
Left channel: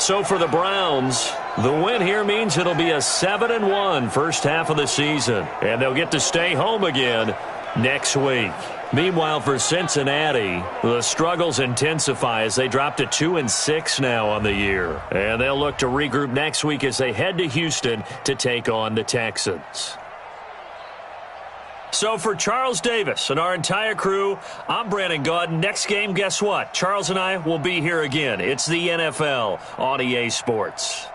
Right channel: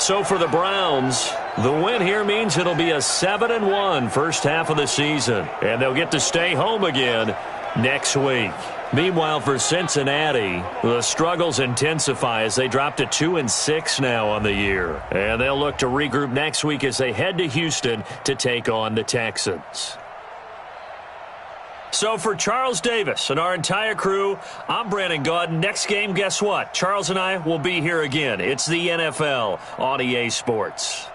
So for the Browns, the win here means it'll be a 7-1 first half of the season. And they'll get to stay home again next week. Meanwhile, for Cincinnati, the struggles intensify as they drop to 2-6 now on the year. And they'll look to regroup next week as they head to Houston to take on the Texans. So for Charles Davis and our entire crew, I'm Brandon Gaudin. Next game, guess what? Charles and I will be here again. It's the NFL on EA Sports.